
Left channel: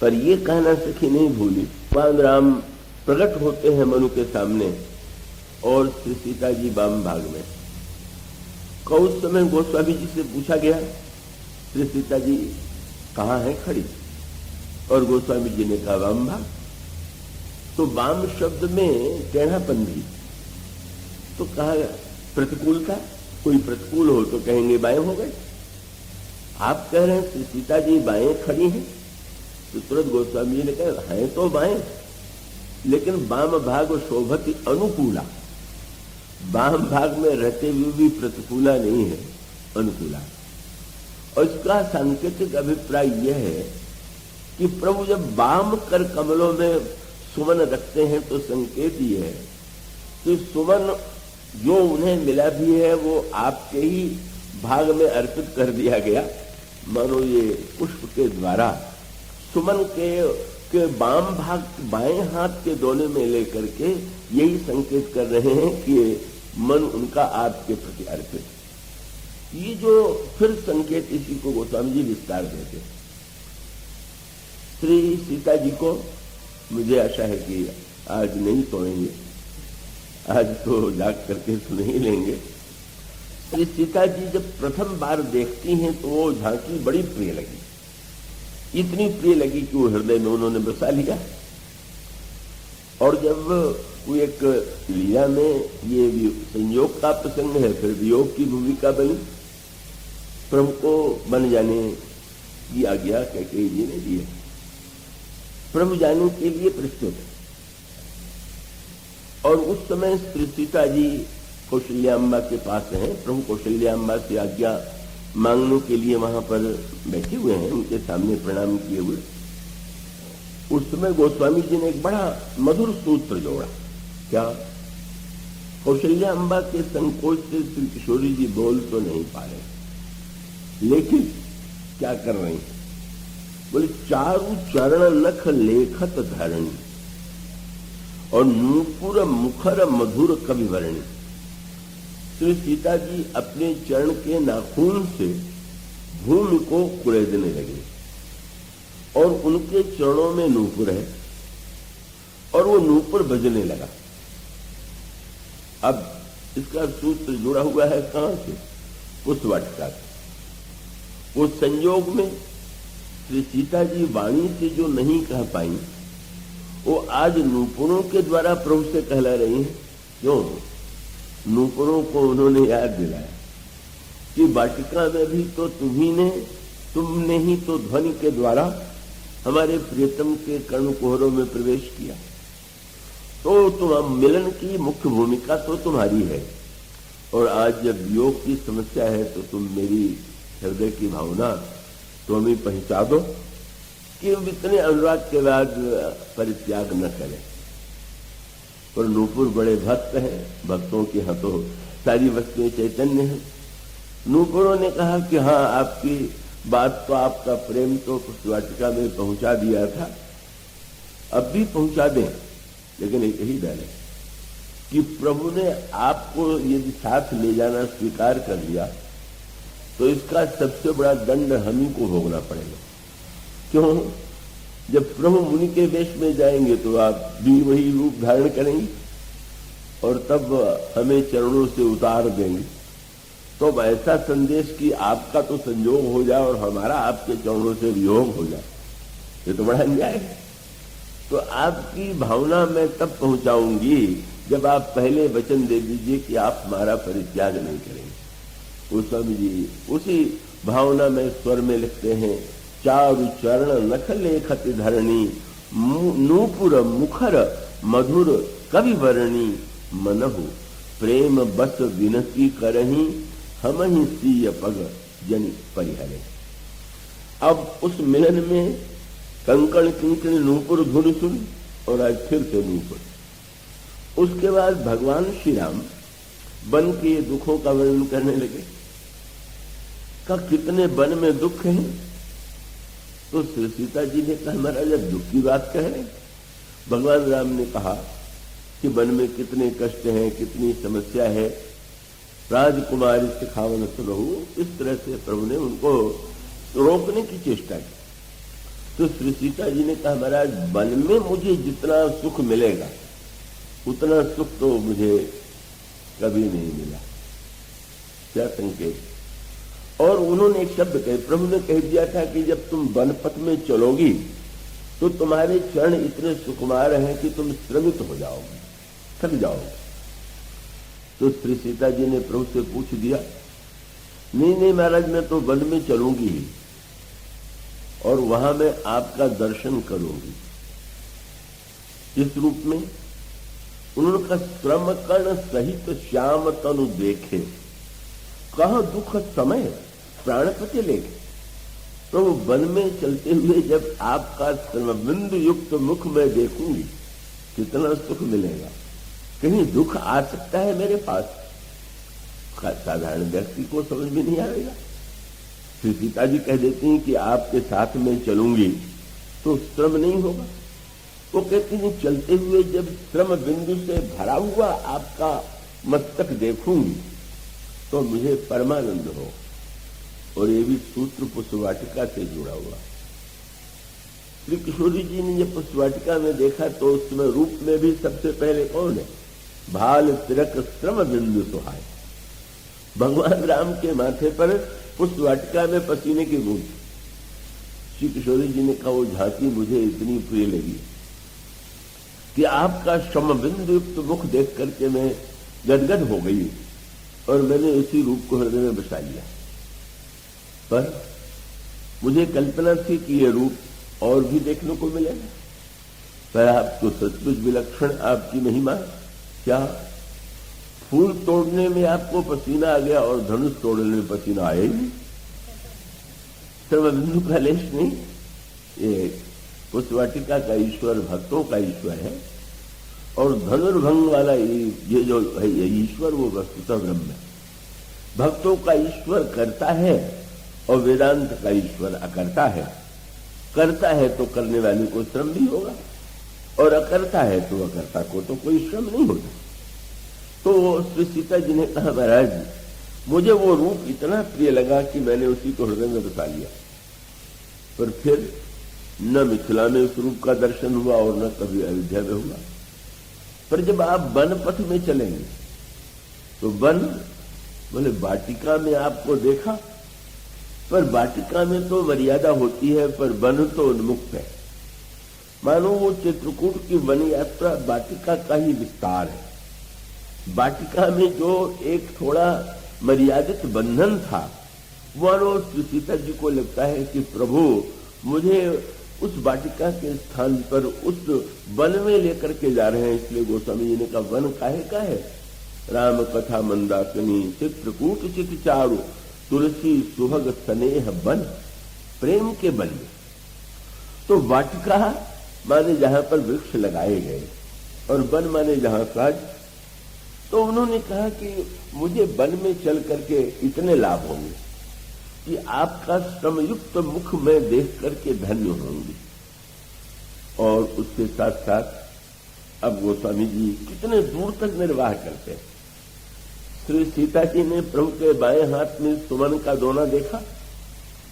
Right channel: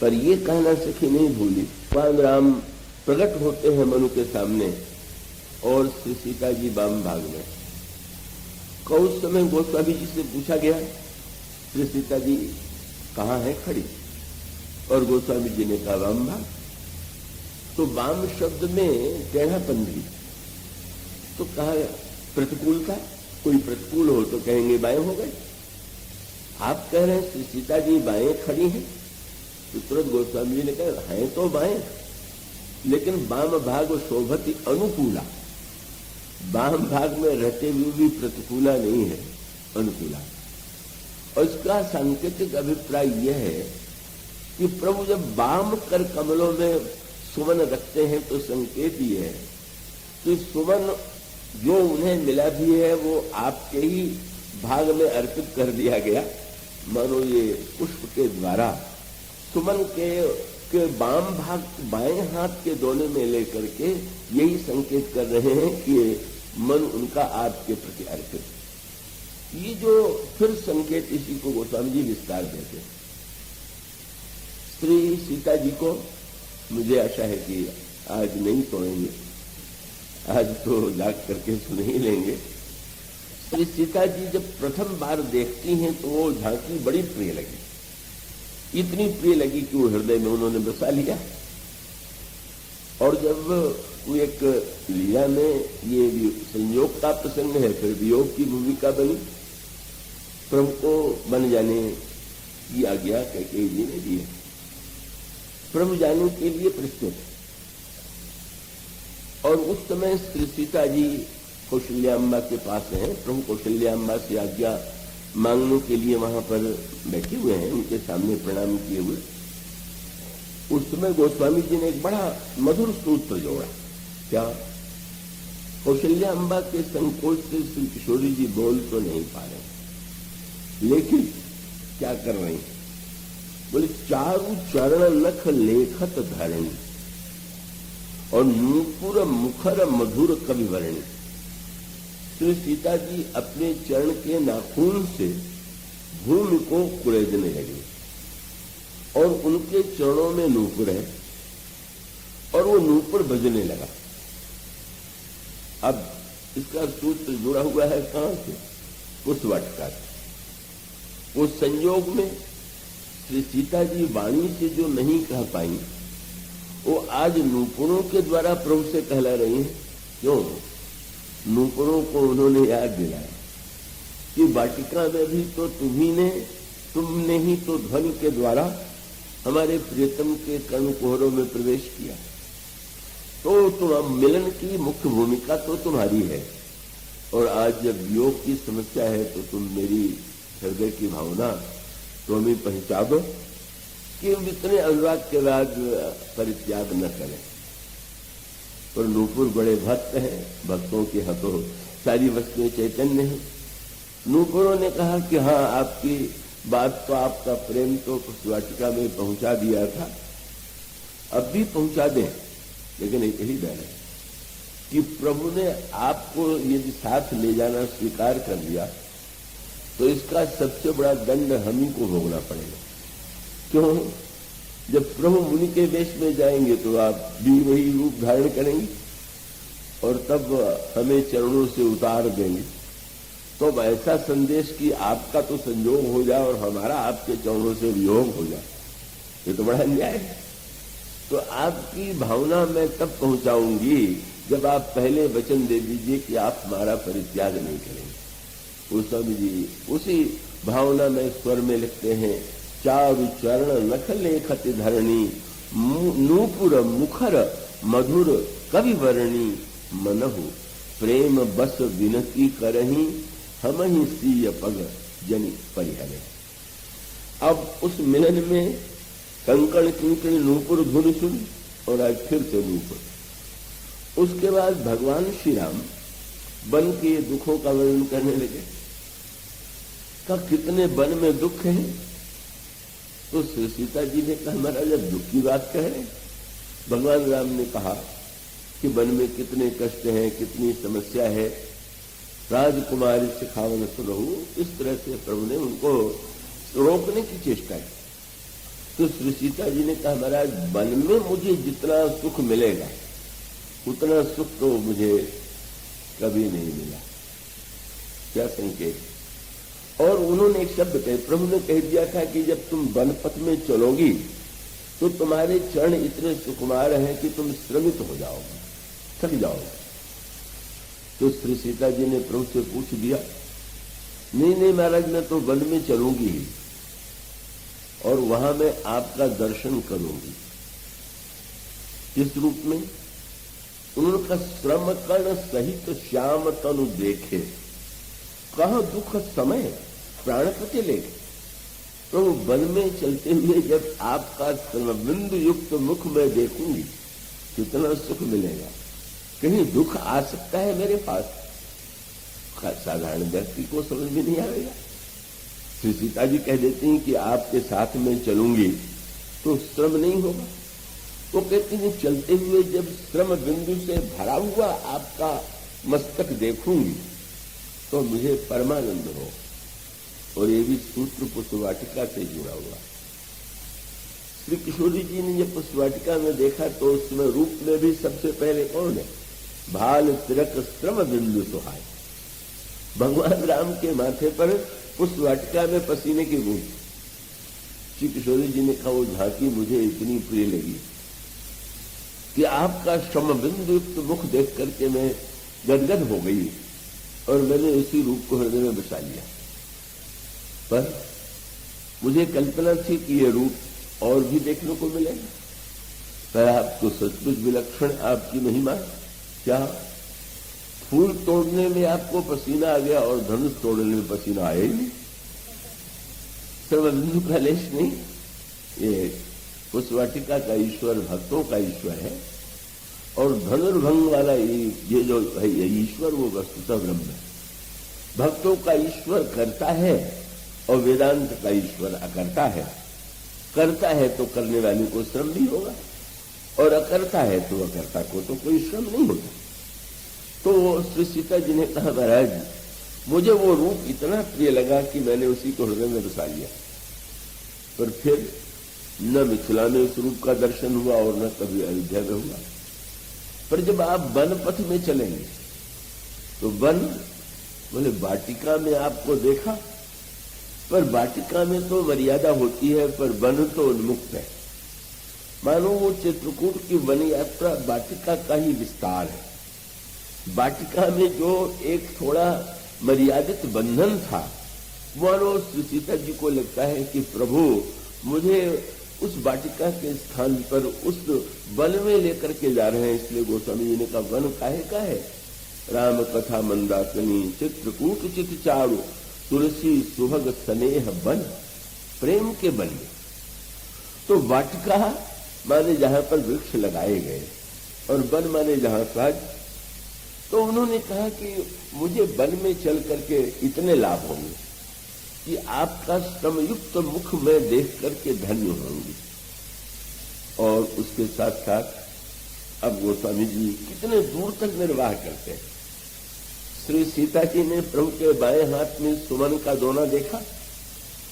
पर ये कहना सखी नहीं भूली। भगवान राम प्रकट होते हैं मनु के सामने और श्री सीता जी बाम भाग में। उस समय गोस्वामी जी से पूछा गया श्री सीता जी कहाँ है खड़ी, और गोस्वामी जी ने कहा वाम भाग। तो वाम शब्द में टेढ़ापन भी, तो कहा प्रतिकूलता, कोई प्रतिकूल हो तो कहेंगे बाएं हो गए। आप कह रहे हैं श्री सीता जी बाएं खड़ी हैं, तो तुरंत गोस्वामी जी ने कहा है तो बाएं, लेकिन वाम भाग शोभति अनुकूला। वाम भाग में रहते हुए भी प्रतिकूला नहीं है, अनुकूला। और इसका सांकेतिक अभिप्राय यह है कि प्रभु जब वाम कर कमलों में सुमन रखते हैं तो संकेत ये है कि सुमन जो उन्हें मिला भी है वो आपके ही भाग में अर्पित कर दिया गया। मानो ये पुष्प के द्वारा सुमन के वाम भाग बाएं हाथ के दोने में लेकर के यही संकेत कर रहे हैं कि मन उनका आपके प्रति अर्पित। ये जो फिर संकेत इसी को गोस्वामी जी विस्तार देते हैं। श्री सीता जी को मुझे आशा है कि आज नहीं पढ़ेंगे, आज तो जाग करके सुन ही लेंगे। श्री सीता जी जब प्रथम बार देखती हैं तो वो झांकी बड़ी प्रिय लगी, इतनी प्रिय लगी कि वो हृदय में उन्होंने बसा लिया। और जब वो एक लीला में ये संयोग का प्रसंग है, फिर वियोग की भूमिका बनी, प्रभु को बन जाने की आज्ञा कैकेयी जी ने दी। प्रभु जाने के लिए प्रस्तुत, और उस समय श्री सीता जी कौशल्या अम्मा के पास हैं। प्रभु कौशल्या अम्मा से आज्ञा मांगने के लिए वहां पर बैठे हुए हैं, उनके सामने प्रणाम किए हुए। उस समय गोस्वामी जी ने एक बड़ा मधुर सूत्र जोड़ा। क्या? कौशल्या अम्बा के संकोच से श्री किशोरी जी बोल तो नहीं पा रहे, लेकिन क्या कर रही? बोले, चारु चरण नख लेखत धरणी और नूपुर मुखर मधुर कवि वर्णी। श्री सीता जी अपने चरण के नाखून से धूल को कुरेदने लगे, और उनके चरणों में नूपुर है, और वो नूपुर बजने लगा। अब इसका सूत्र जुड़ा हुआ है कहां से? उस वाटिका से। उस संयोग में श्री सीता जी वाणी से जो नहीं कह पाई, वो आज नूपुरों के द्वारा प्रभु से कहला रही हैं। क्यों? नूपुरों को उन्होंने याद दिलाया कि वाटिका में भी तो तुमने ही तो ध्वनि के द्वारा हमारे प्रियतम के कर्णकुहरों में प्रवेश किया, तो तुम मिलन की मुख्य भूमिका तो तुम्हारी है। और आज जब वियोग की समस्या है तो तुम मेरी हृदय की भावना तुम ही पहुंचा दो कि हम इतने अनुराग के बाद परित्याग न करें। और नूपुर बड़े भक्त हैं, भक्तों के हाथों सारी वस्तुएं चैतन्य हैं। नूपुरों ने कहा कि हाँ, आपकी बात तो, आपका प्रेम तो उस वाटिका में पहुंचा दिया था, अब भी पहुंचा दें, लेकिन एक ही डर है कि प्रभु ने आपको यदि साथ ले जाना स्वीकार कर लिया तो इसका सबसे बड़ा दंड हम ही को भोगना पड़ेगा। क्यों? जब प्रभु मुनि के वेश में जाएंगे तो आप भी वही रूप धारण करेंगे, और तब हमें चरणों से उतार देंगे। तो ऐसा संदेश कि आपका तो संयोग हो जाए और हमारा आपके चरणों से वियोग हो जाए, ये तो बड़ा अन्याय है। तो आपकी भावना मैं तब पहुंचाऊंगी जब आप पहले वचन दे दीजिए कि आप हमारा परित्याग नहीं करेंगे। गोस्वामी जी उसी भावना में स्वर में लिखते हैं, चारु चरण नख लेखत धरणी नूपुर मुखर मधुर कवि वर्णी मनहु प्रेम बस विनती करही हम ही सीय पग जन परिहरे। अब उस महल में कंकड़ किंकड़ नूपुर धुन सुन, और आज फिर से नूपुर। उसके बाद भगवान श्री राम वन के दुखों का वर्णन करने लगे। का कितने वन में दुख हैं? तो श्री सीता जी ने कहा, महाराज जब दुख की बात कह रहे, भगवान राम ने कहा कि वन में कितने कष्ट हैं, कितनी समस्या है, राजकुमारी सिखावन सुनहु। इस तरह से प्रभु ने उनको रोकने की चेष्टा की। तो श्री सीता जी ने कहा, महाराज वन में मुझे जितना सुख मिलेगा उतना सुख तो मुझे कभी नहीं मिला। क्या संकेत? और उन्होंने एक शब्द कहे, प्रभु ने कह दिया था कि जब तुम वनपथ में चलोगी तो तुम्हारे चरण इतने सुकुमार हैं कि तुम श्रमित हो जाओगे, थक जाओगे। तो श्री सीता जी ने प्रभु से पूछ दिया, नहीं महाराज, मैं तो वन में चलूंगी ही, और वहां मैं आपका दर्शन करूंगी। किस रूप में? उनका श्रम कर्ण सहित श्याम तनु देखे, कहा दुख समय प्राणपति ले। तो वन में चलते हुए जब आपका श्रमबिंदु युक्त मुख में देखूंगी कितना सुख मिलेगा। कहीं दुख आ सकता है मेरे पास? साधारण व्यक्ति को समझ में नहीं आएगा। श्री सीता जी कह देती हैं कि आपके साथ में चलूंगी तो श्रम नहीं होगा। वो कहती हैं चलते हुए जब श्रम बिंदु से भरा हुआ आपका मस्तक देखूंगी तो मुझे परमानंद हो। और ये भी सूत्र पुष्प वाटिका से जुड़ा हुआ। श्री किशोरी जी ने ये पुष्पवाटिका में देखा तो उस समय रूप में भी सबसे पहले कौन है? भाल तिलक श्रम बिंदु सुहाय। भगवान राम के माथे पर पुष्पवाटिका में पसीने की बूंद। श्री किशोरी जी ने कहा वो झांकी मुझे इतनी प्रिय लगी कि आपका श्रम बिंदु युक्त मुख देख करके मैं गदगद हो गई और मैंने इसी रूप को हृदय में बसा लिया। पर मुझे कल्पना थी कि ये रूप और भी देखने को मिलेगा, पर आप तो सचमुच विलक्षण आपकी महिमा। क्या फूल तोड़ने में आपको पसीना आ गया और धनुष तोड़ने में पसीना आया ही नहीं? सर्वबिंदु का लेश नहीं। ये उस वाटिका का ईश्वर भक्तों का ईश्वर है और धनुर्भंग वाला ये जो है ये ईश्वर वो वस्तुतः ब्रह्म है। भक्तों का ईश्वर करता है और वेदांत का ईश्वर अकर्ता है। करता है तो करने वाले को श्रम भी होगा और अकर्ता है तो अकर्ता को तो कोई श्रम नहीं होता। तो श्री सीता जी ने कहा महाराज मुझे वो रूप इतना प्रिय लगा कि मैंने उसी को हृदय में बसा लिया। पर फिर न मिथिला में उस रूप का दर्शन हुआ और न कभी अयोध्या में हुआ। पर जब आप वन पथ में चलेंगे तो वन बोले वाटिका में आपको देखा, पर वाटिका में तो मर्यादा होती है पर वन तो उन्मुक्त है। मानो वो चित्रकूट की वन यात्रा वाटिका का ही विस्तार है। वाटिका में जो एक थोड़ा मर्यादित बंधन था वो श्री सीता जी को लगता है कि प्रभु मुझे उस वाटिका के स्थान पर उस वन में लेकर के जा रहे हैं। इसलिए गोस्वामी जी ने कहा वन काहे का है? राम कथा मंदाकिनी चित्रकूट चित चारु तुलसी सुभग स्नेह वन। प्रेम के वन में तो वाटिका माने जहां पर वृक्ष लगाए गए और वन माने जहां काज। तो उन्होंने कहा कि मुझे वन में चल करके इतने लाभ होंगे कि आपका श्रमयुक्त मुख में देख करके धन्य होंगे। और उसके साथ साथ अब गोस्वामी जी कितने दूर तक निर्वाह करते हैं। श्री सीता जी ने प्रभु के बाएं हाथ में सुमन का दोना देखा।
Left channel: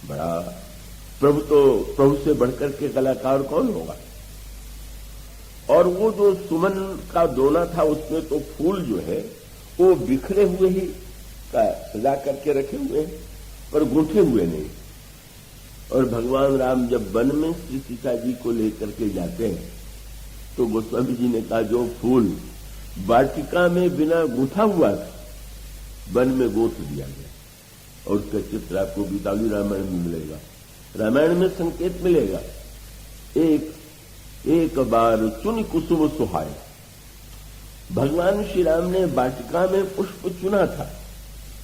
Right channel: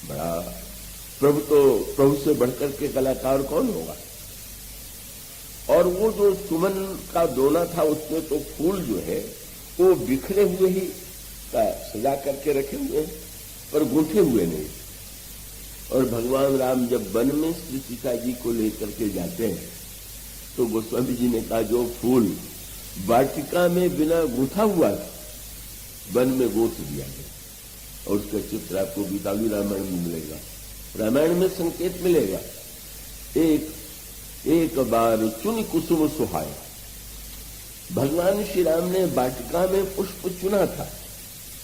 बड़ा प्रभु से बढ़कर के कलाकार कौन होगा? और वो जो सुमन का दोना था उसमें तो फूल जो है वो बिखरे हुए ही सजा करके रखे हुए हैं और गूंथे हुए नहीं। और भगवान राम जब वन में श्री सीता जी को लेकर के जाते हैं तो गोस्वामी जी ने कहा जो फूल वाटिका में बिना गूंथा हुआ था वन में गोथ दिया गया। और उसका चित्र आपको गीतावली रामायण में मिलेगा। रामायण में संकेत मिलेगा एक बार चुन कुसुम सुहाय। भगवान श्री राम ने वाटिका में पुष्प चुना था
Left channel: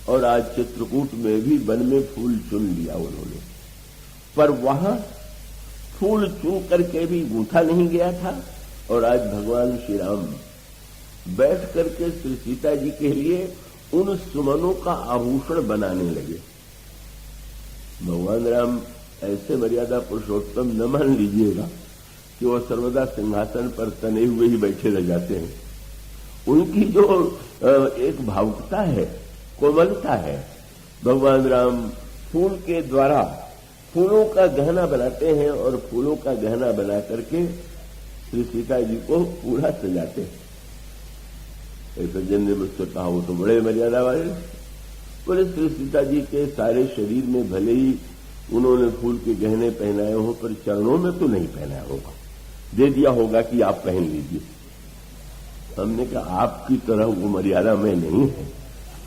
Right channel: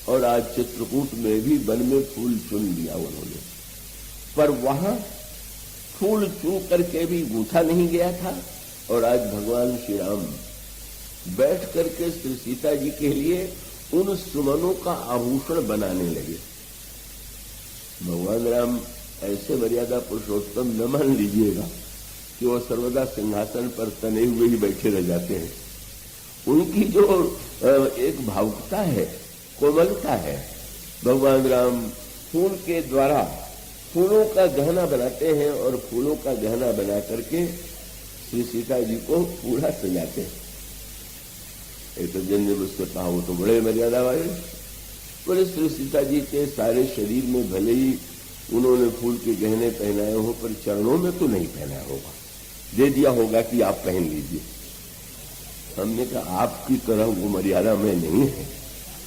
और आज चित्रकूट में भी वन में फूल चुन लिया उन्होंने। पर वहां फूल चुन करके भी गूंथा नहीं गया था और आज भगवान श्री राम बैठ करके श्री सीता जी के लिए उन सुमनों का आभूषण बनाने लगे। भगवान राम ऐसे मर्यादा पुरुषोत्तम न मान लीजिएगा कि वो सर्वदा सिंहासन पर तने हुए ही बैठे रह जाते हैं। उनकी जो एक भावुकता है, कोमलता है, भगवान राम फूल के द्वारा फूलों का गहना बनाते हैं और फूलों का गहना बना करके श्री सीता जी को पूरा सजाते हैं। एक सज्जन ने मुझसे कहा वो तो बड़े मर्यादा वाले बोले श्री सीता जी के सारे शरीर में भले ही उन्होंने फूल के गहने पहनाए हो पर चरणों में तो नहीं पहनाया होगा, दे दिया होगा कि आप पहन लीजिए। हमने कहा आपकी तरह वो मर्यादा में नहीं है,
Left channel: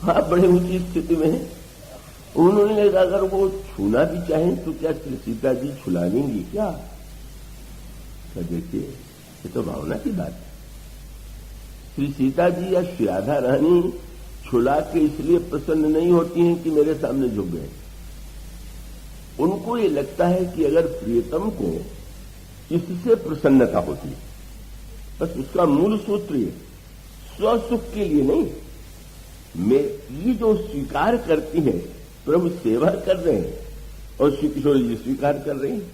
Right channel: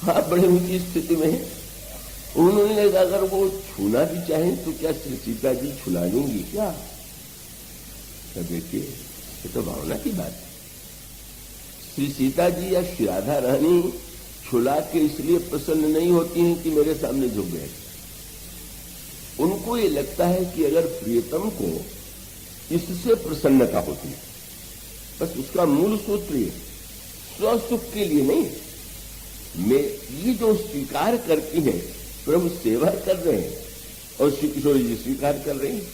आप बड़े ऊंची स्थिति में हैं। उन्होंने कहा अगर वो छूना भी चाहें तो क्या श्री सीता जी छुला लेंगी क्या? देखिए ये तो भावना की बात है। श्री सीता जी या श्री राधा रानी छुला के इसलिए प्रसन्न नहीं होती हैं कि मेरे सामने झुक गए। उनको ये लगता है कि अगर प्रियतम को इससे प्रसन्नता होती है, बस उसका मूल सूत्र स्वसुख के लिए नहीं, मैं ये जो स्वीकार करती हैं प्रभु सेवा कर रहे हैं और श्री किशोर जी स्वीकार कर रही हैं,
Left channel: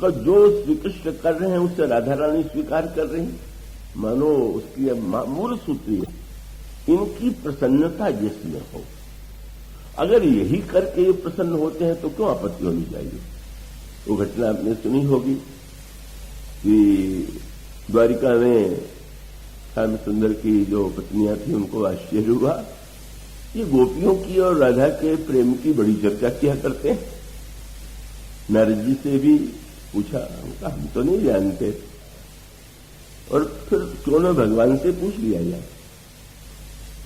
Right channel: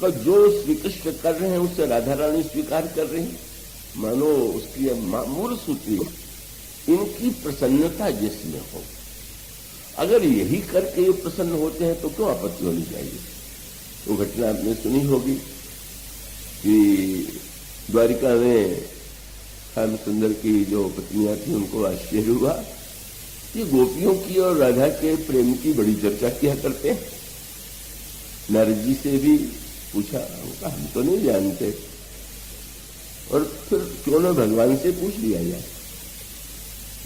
तो जो श्री कृष्ण कर रहे हैं उससे राधा रानी स्वीकार कर रही हैं। मानो उसकी मूल सूत्र इनकी प्रसन्नता जिसमें हो, अगर यही करके ये प्रसन्न होते हैं तो क्यों आपत्ति होनी चाहिए? वो घटना आपने सुनी होगी कि द्वारिका में श्याम सुंदर की जो पत्नियां थी उनको आश्चर्य हुआ कि गोपियों की और राधा के प्रेम की बड़ी चर्चा किया करते हैं। नारद जी से भी पूछा, हम तो नहीं जानते, और फिर क्यों न भगवान से पूछ लिया जाए।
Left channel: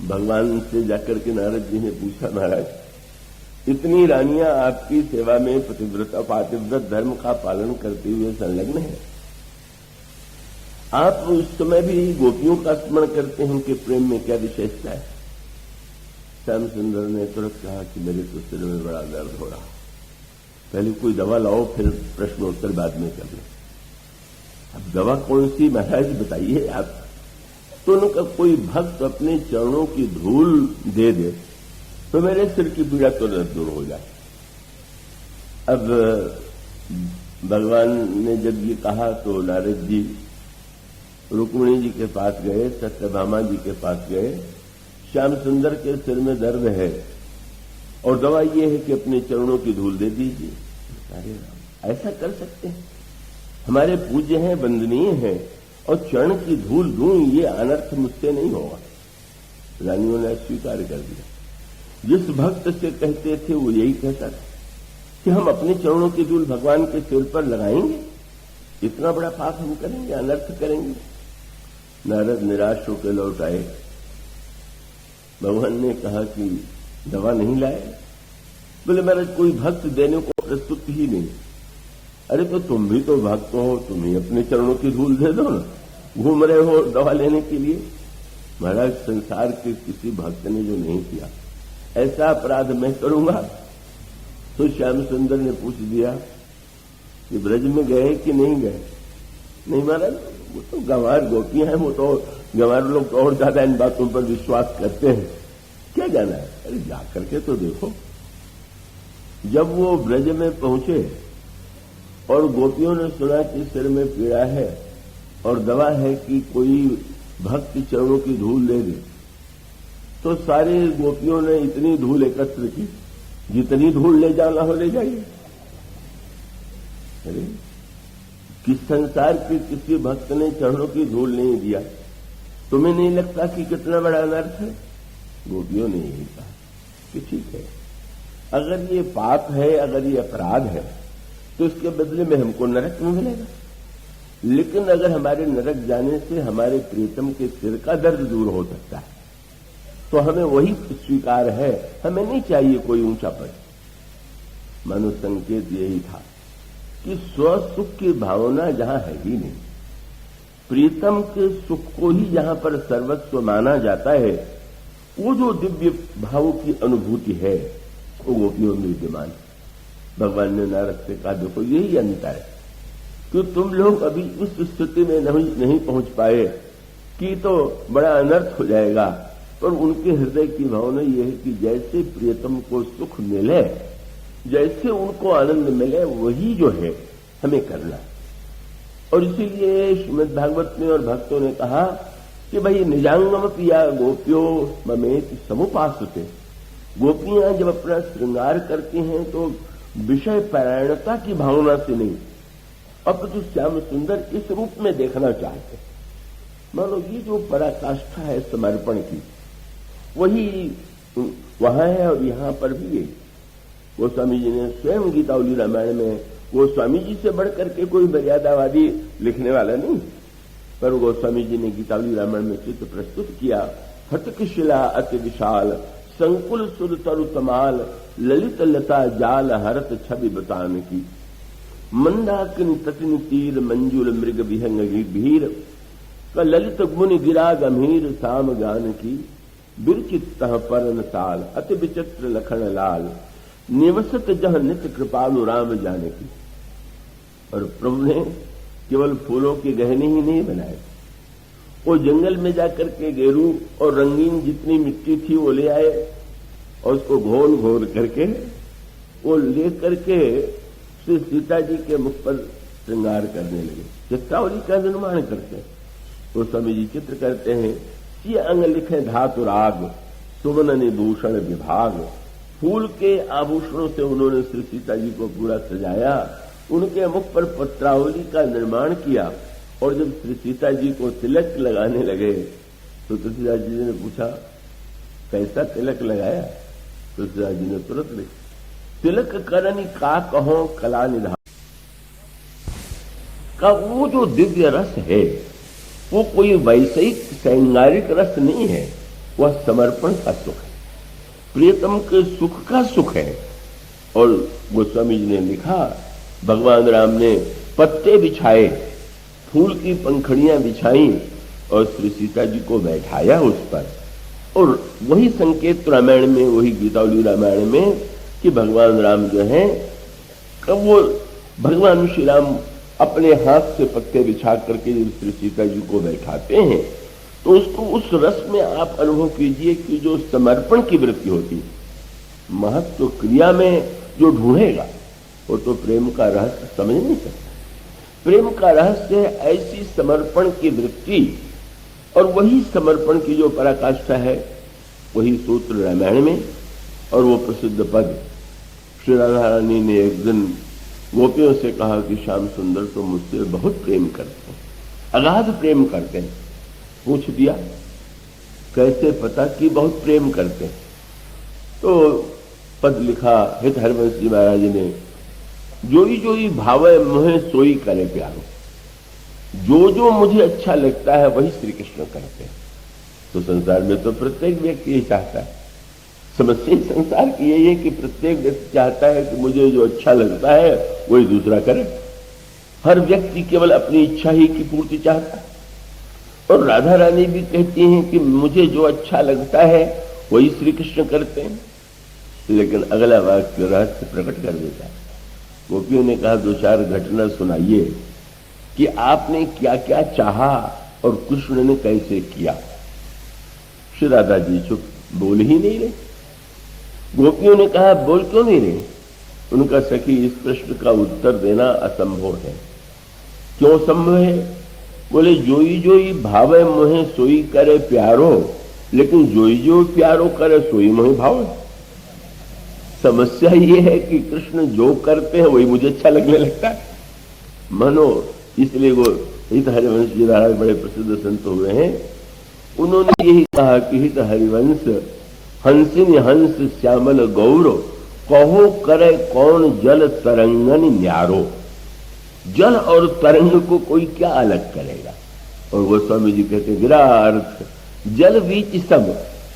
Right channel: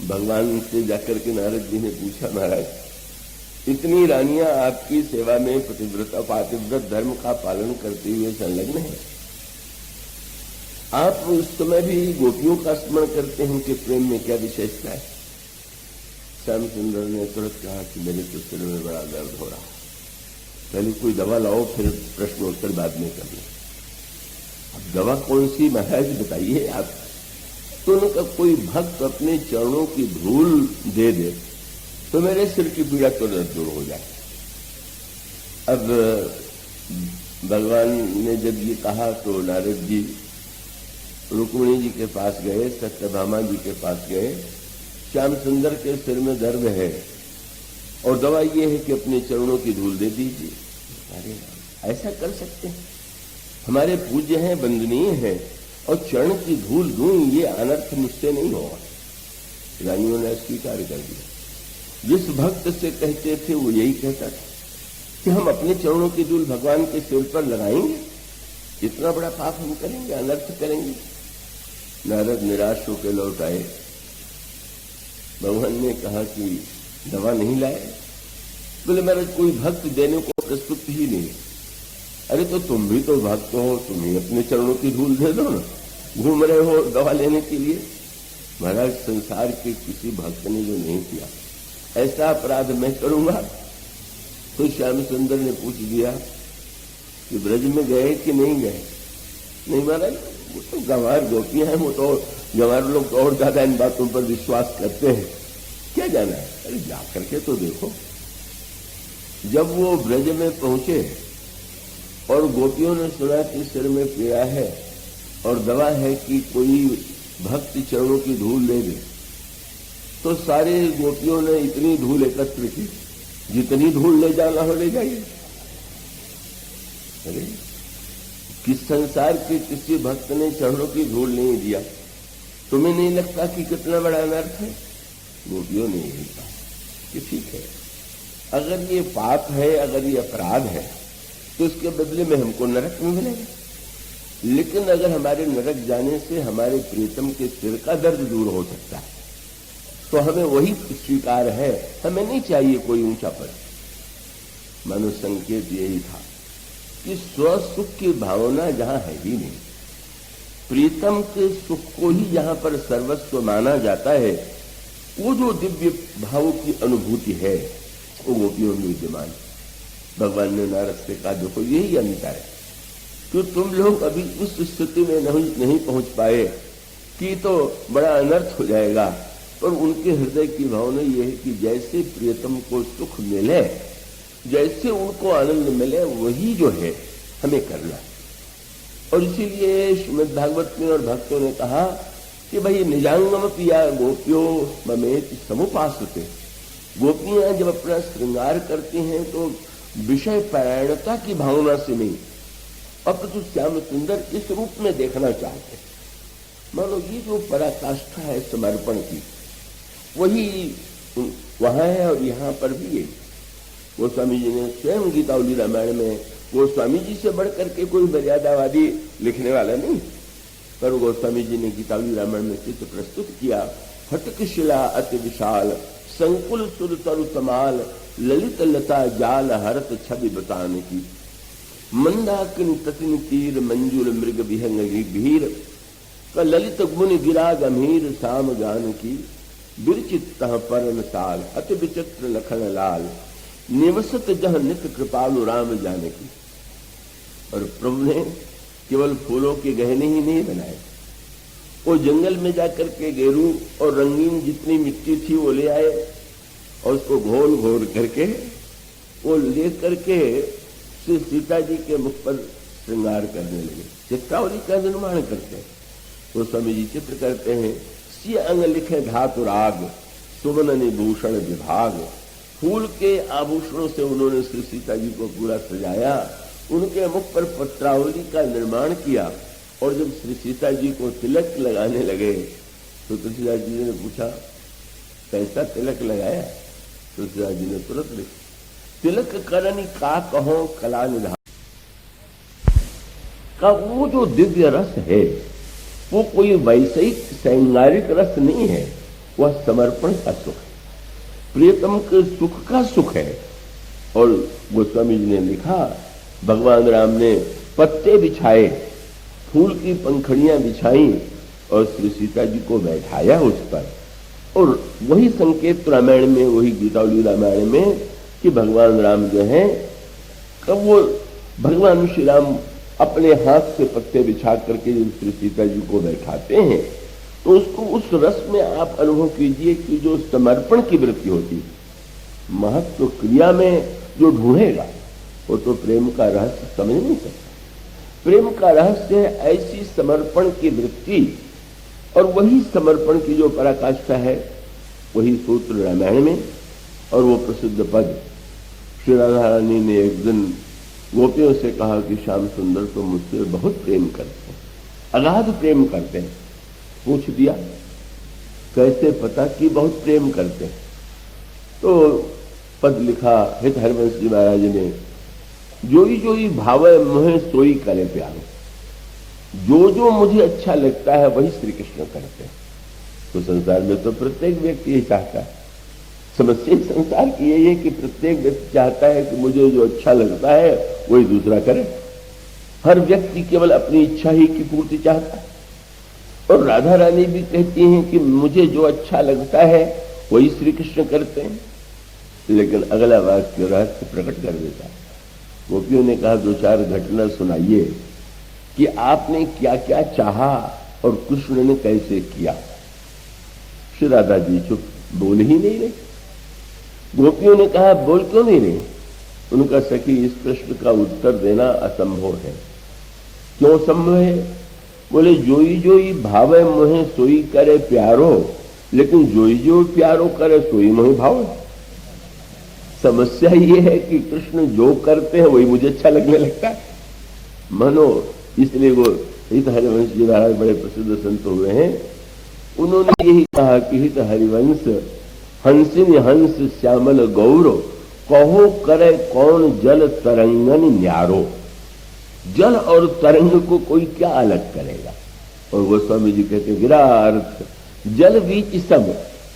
भगवान से जाकर के नारद जी ने पूछा, महाराज इतनी रानियां आपकी सेवा में पतिव्रता पातिव्रत धर्म का पालन करते हुए संलग्न है, आप उस समय भी गोपियों का स्मरण करते हैं कि प्रेम में क्या विशेषता है। श्याम सुंदर ने तुरंत कहा कि मेरे तो सिर में बड़ा दर्द हो रहा, पहले कोई दवा लाओ, फिर प्रश्नोत्तर बाद में करें। अब दवा कौन सी महाराज बताइए आप। तो उनका कोई भक्त अपने चरणों की धूल दे दे तो मेरे सिर की पीड़ा तुरंत दूर हो जाए। अब भगवान ने जब ये कहा तो नारद जी रुक्मिणी जी के पास गए, सत्यभामा जी के पास गए। श्याम सुंदर के सिर में दर्द है और दवा ये है कि अपने चरणों की धूल दे दीजिए। अरे ऐसा कर सकते हैं, हमारे पूज्य हैं, वंदनीय है, और चरण की धूल दूं, ये अनर्थ मुझसे नहीं होगा। रानियों ने स्वीकार कर दिया। जिस भक्त से कहते थे वो यही कहता था कि हम अपने चरणों की धूल भगवान के सिर पर लगाएंगे, इतना बड़ा पाप हम करेंगे, अनर्थ करेंगे। नारद निराश होकर लौट आए। भगवान ने कहा कि दवा नहीं लाए? बोले महाराज कोई भक्त देने को प्रस्तुत ही नहीं। अरे तो तुम भी तो भक्त हो, तुम ही अपने चरणों की धूल दे दो ना, घूम रहे हो दवा लेने के लिए। महाराज संसार के किसी भक्त ने जो नहीं किया ऐसा अपराध मैं करूंगा। तो श्याम सुंदर ने पूछ दिया कि ब्रज में गए कि नहीं गए? नहीं महाराज, वो तो गंवार गोपियां हैं, वो तो गंवार लोग तो और ज्यादा इन बातों पर विश्वास करते हैं, क्या जाना है। अरे जाकर के तो देखो। जब वो ब्रज में पहुंचे और गोपियों ने सुना कि सिर में पीड़ा है और दवा है कि कोई भक्त चरणों की धूल ले दे, तो सारे गोपियों ने इतनी धूल एकत्र की, जितनी धूल ले जाना हो ले जाइए। अरे किस संसार के किसी भक्त ने चरणों की धूल नहीं दिया? तुम्हें नहीं लगता कि कितना बड़ा अनर्थ है? गोपियों ने यही कहा कि ठीक है, अगर ये पाप है, अगर ये अपराध है, तो इसके बदले में हमको नरक में मिलेगा। लेकिन अगर हमारे नरक जाने से हमारे प्रीतम के सिर का दर्द दूर हो सकता है तो हमें वही स्वीकार है, हमें नहीं चाहिए कोई ऊंचा पद। मानो संकेत यही था कि स्वसुख की भावना जहां है ही नहीं, प्रीतम के सुख को ही जहां पर सर्वस्व माना जाता है, वो जो दिव्य भाव की अनुभूति है वो गोपियों में विद्यमान। भगवान ने नारद से कहा देखो यही अंतर है कि तुम लोग अभी उस स्थिति में नहीं पहुंच पाए कि तो बड़ा अनर्थ हो जाएगा, और उनके हृदय की भावना यह है कि जैसे प्रियतम को सुख मिले, जैसे उनको आनंद मिले, वही जो है हमें करना। और इसीलिए श्रीमद् भागवत में और भक्तों ने कहा कि भाई निजांगम पिया गोपियो ममेत समुपासते। गोपियां जब अपना श्रृंगार करती हैं तो विषय परायणता की भावना से नहीं, अपितु श्याम सुंदर इस रूप में देखना चाहते हैं। मानो ये जो पराकाष्ठा है समर्पण की, वही वहां है और यहां पर भी है। गोस्वामी जी ने स्वयं गीतावली रामायण में, गोस्वामी जी से बढ़कर के कोई मर्यादावादी लिखने वाला नहीं, पर गोस्वामी जी ने गीतावली रामायण में चित्र प्रस्तुत किया। फटक शिला अति विशाल, संकुल सुर तरु तमाल, ललित लता जाल हरत छवि बतान की। मंदाकिन तटिन तीर मंजुल मृग विहंग भीर, का ललित गुण गिरा गंभीर साम गान की। बिरचित परन साल अति विचित्र लखन लाल, निवसत जह नित कृपालु राम जानकी। और प्रभु ने केवल फूलों के गहने ही नहीं बनाए, वो जंगल में जाकर के गेरू और रंगीन जितनी मिट्टी थी वो ले आए और उसको घोल घोल करके वो ले करके श्री सीता जी के मुख पर श्रृंगार करने लगे। चित्रावली का निर्माण करते हैं। वो स्वामी जी चित्र करते हैं, सिय अंग लिखे धातु राग, सुवन निभूषण विभाग। फूल के आभूषणों से उन्होंने श्री सीता जी को पूरा सजाया उनके मुख पर पत्रावली का निर्माण किया और जब श्री सीता जी को तिलक लगाने लगे तो तुलसीदास जी ने पूछा कैसा तिलक लगाया? तुलसीदास जी ने तुरंत लिखा तिलक करनी का कहो कला निभा का। वो जो दिव्य रस है वो कोई वैश्विक श्रृंगारिक रस नहीं है, वह समर्पण का सुख है, प्रियतम के सुख का सुख है। और गोस्वामी जी ने लिखा भगवान राम ने पत्ते बिछाए, फूल की पंखड़ियां बिछाई और श्री सीता जी को बैठाया उस पर। और वही संकेत रामायण में, वही गीतावली रामायण में कि भगवान राम जो है कब वो भगवान श्री राम अपने हाथ से पत्ते बिछा करके जब श्री सीता जी को बैठाते हैं तो उसको उस रस में आप अनुभव कीजिए कि जो समर्पण की वृत्ति होती है, महत्व क्रिया में जो ढूंढेगा वो तो प्रेम का रहस्य समझ नहीं सकता। प्रेम का रहस्य है ऐसी समर्पण की वृत्ति, और वही समर्पण की जो पराकाष्ठा है वही सूत्र रामायण में। और वो प्रसिद्ध पद श्री राधा रानी ने एक दिन गोपियों से कहा कि श्याम सुंदर तो मुझसे बहुत प्रेम करते हैं, अगाध प्रेम करते हैं। पूछ दिया कैसे पता कि बहुत प्रेम करते हैं? तो पद लिखा हित हरिवंश जी महाराज ने, जोई जोई भावे मोहे सोई करे प्यारो। जो जो मुझे अच्छा लगता है वही श्री कृष्ण करते हैं। तो संसार में तो प्रत्येक व्यक्ति ये चाहता है, समस्या संसार की यही है कि प्रत्येक व्यक्ति चाहता है कि मुझे जो अच्छा लगता है वही दूसरा करे। हर व्यक्ति केवल अपनी इच्छा ही की पूर्ति चाहता है। और राधा रानी भी कहती हैं कि मुझे जो अच्छा लगता है वही श्री कृष्ण करते हैं। लेकिन अगला वाक्य रहस्य प्रकट कर देता है। गोपियों ने कहा दो चार घटना सुनाइए कि आपने क्या क्या चाहा और कृष्ण ने कैसे किया। श्री राधा जी चुप, बोल ही नहीं रहे। गोपियों ने कहा बोल क्यों नहीं रहे? उनका सखी इस प्रश्न का उत्तर देना असंभव है। क्यों संभव है? बोले जोई जोई भावे मोहे सोई करे प्यारो, लेकिन जोई जो प्यारो करे सोई मोहे भावे। समस्या ये है कि कृष्ण जो करते हैं वही मुझे अच्छा लगने लगता है। मानो इसलिए वो हित हरिवंश जी महाराज बड़े प्रसिद्ध संत हुए हैं। उन्होंने यही कहा कि हित हरिवंश हंसिन हंस श्यामल गौरव, कहो करे कौन जल तरंगन न्यारो। जल और तरंग को कोई क्या अलग करेगा? और गोस्वामी जी कहते विरार्थ जल बीच सम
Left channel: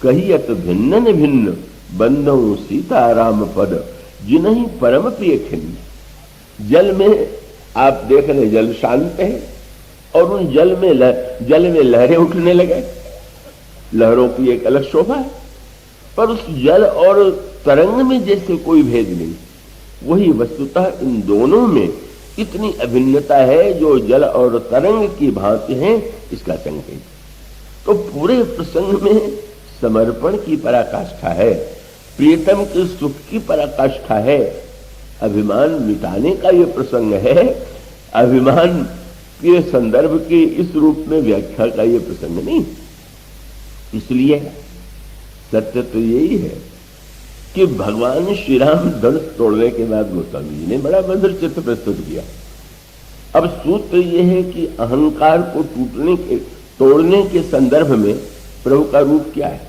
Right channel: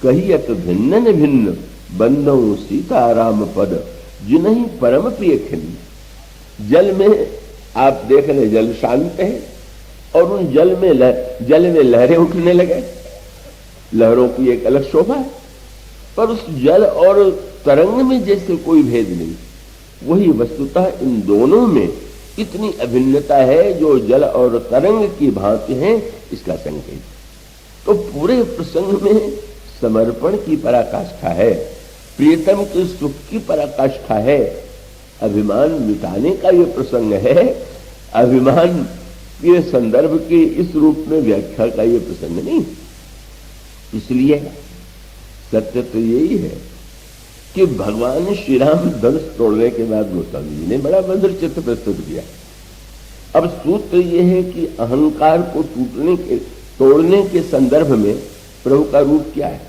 कहियत भिन्न भिन्न, बंदो सीताराम पद जिन्हीं परम प्रिय खिन्न। जल में आप देख रहे जल शांत है और उन जल में लहरें उठने लगे। लहरों की एक अलग शोभा है, पर उस जल और तरंग में जैसे कोई भेद नहीं। वही वस्तुतः इन दोनों में इतनी अभिन्नता है जो जल और तरंग की भांति है, इसका संकेत। तो पूरे प्रसंग में समर्पण की पराकाष्ठा है, प्रीतम के सुख की पराकाष्ठा है। अभिमान मिटाने का ये प्रसंग है। अभिमान के संदर्भ के इस रूप में व्याख्या का ये प्रसंग नहीं। इसलिए सत्य तो यही है कि भगवान श्री राम धनुष तोड़ने के बाद गोस्वामी जी ने बड़ा मधुर चित्र प्रस्तुत किया। अब सूत्र यह है कि अहंकार को तोड़ने के संदर्भ में प्रभु का रूप क्या है?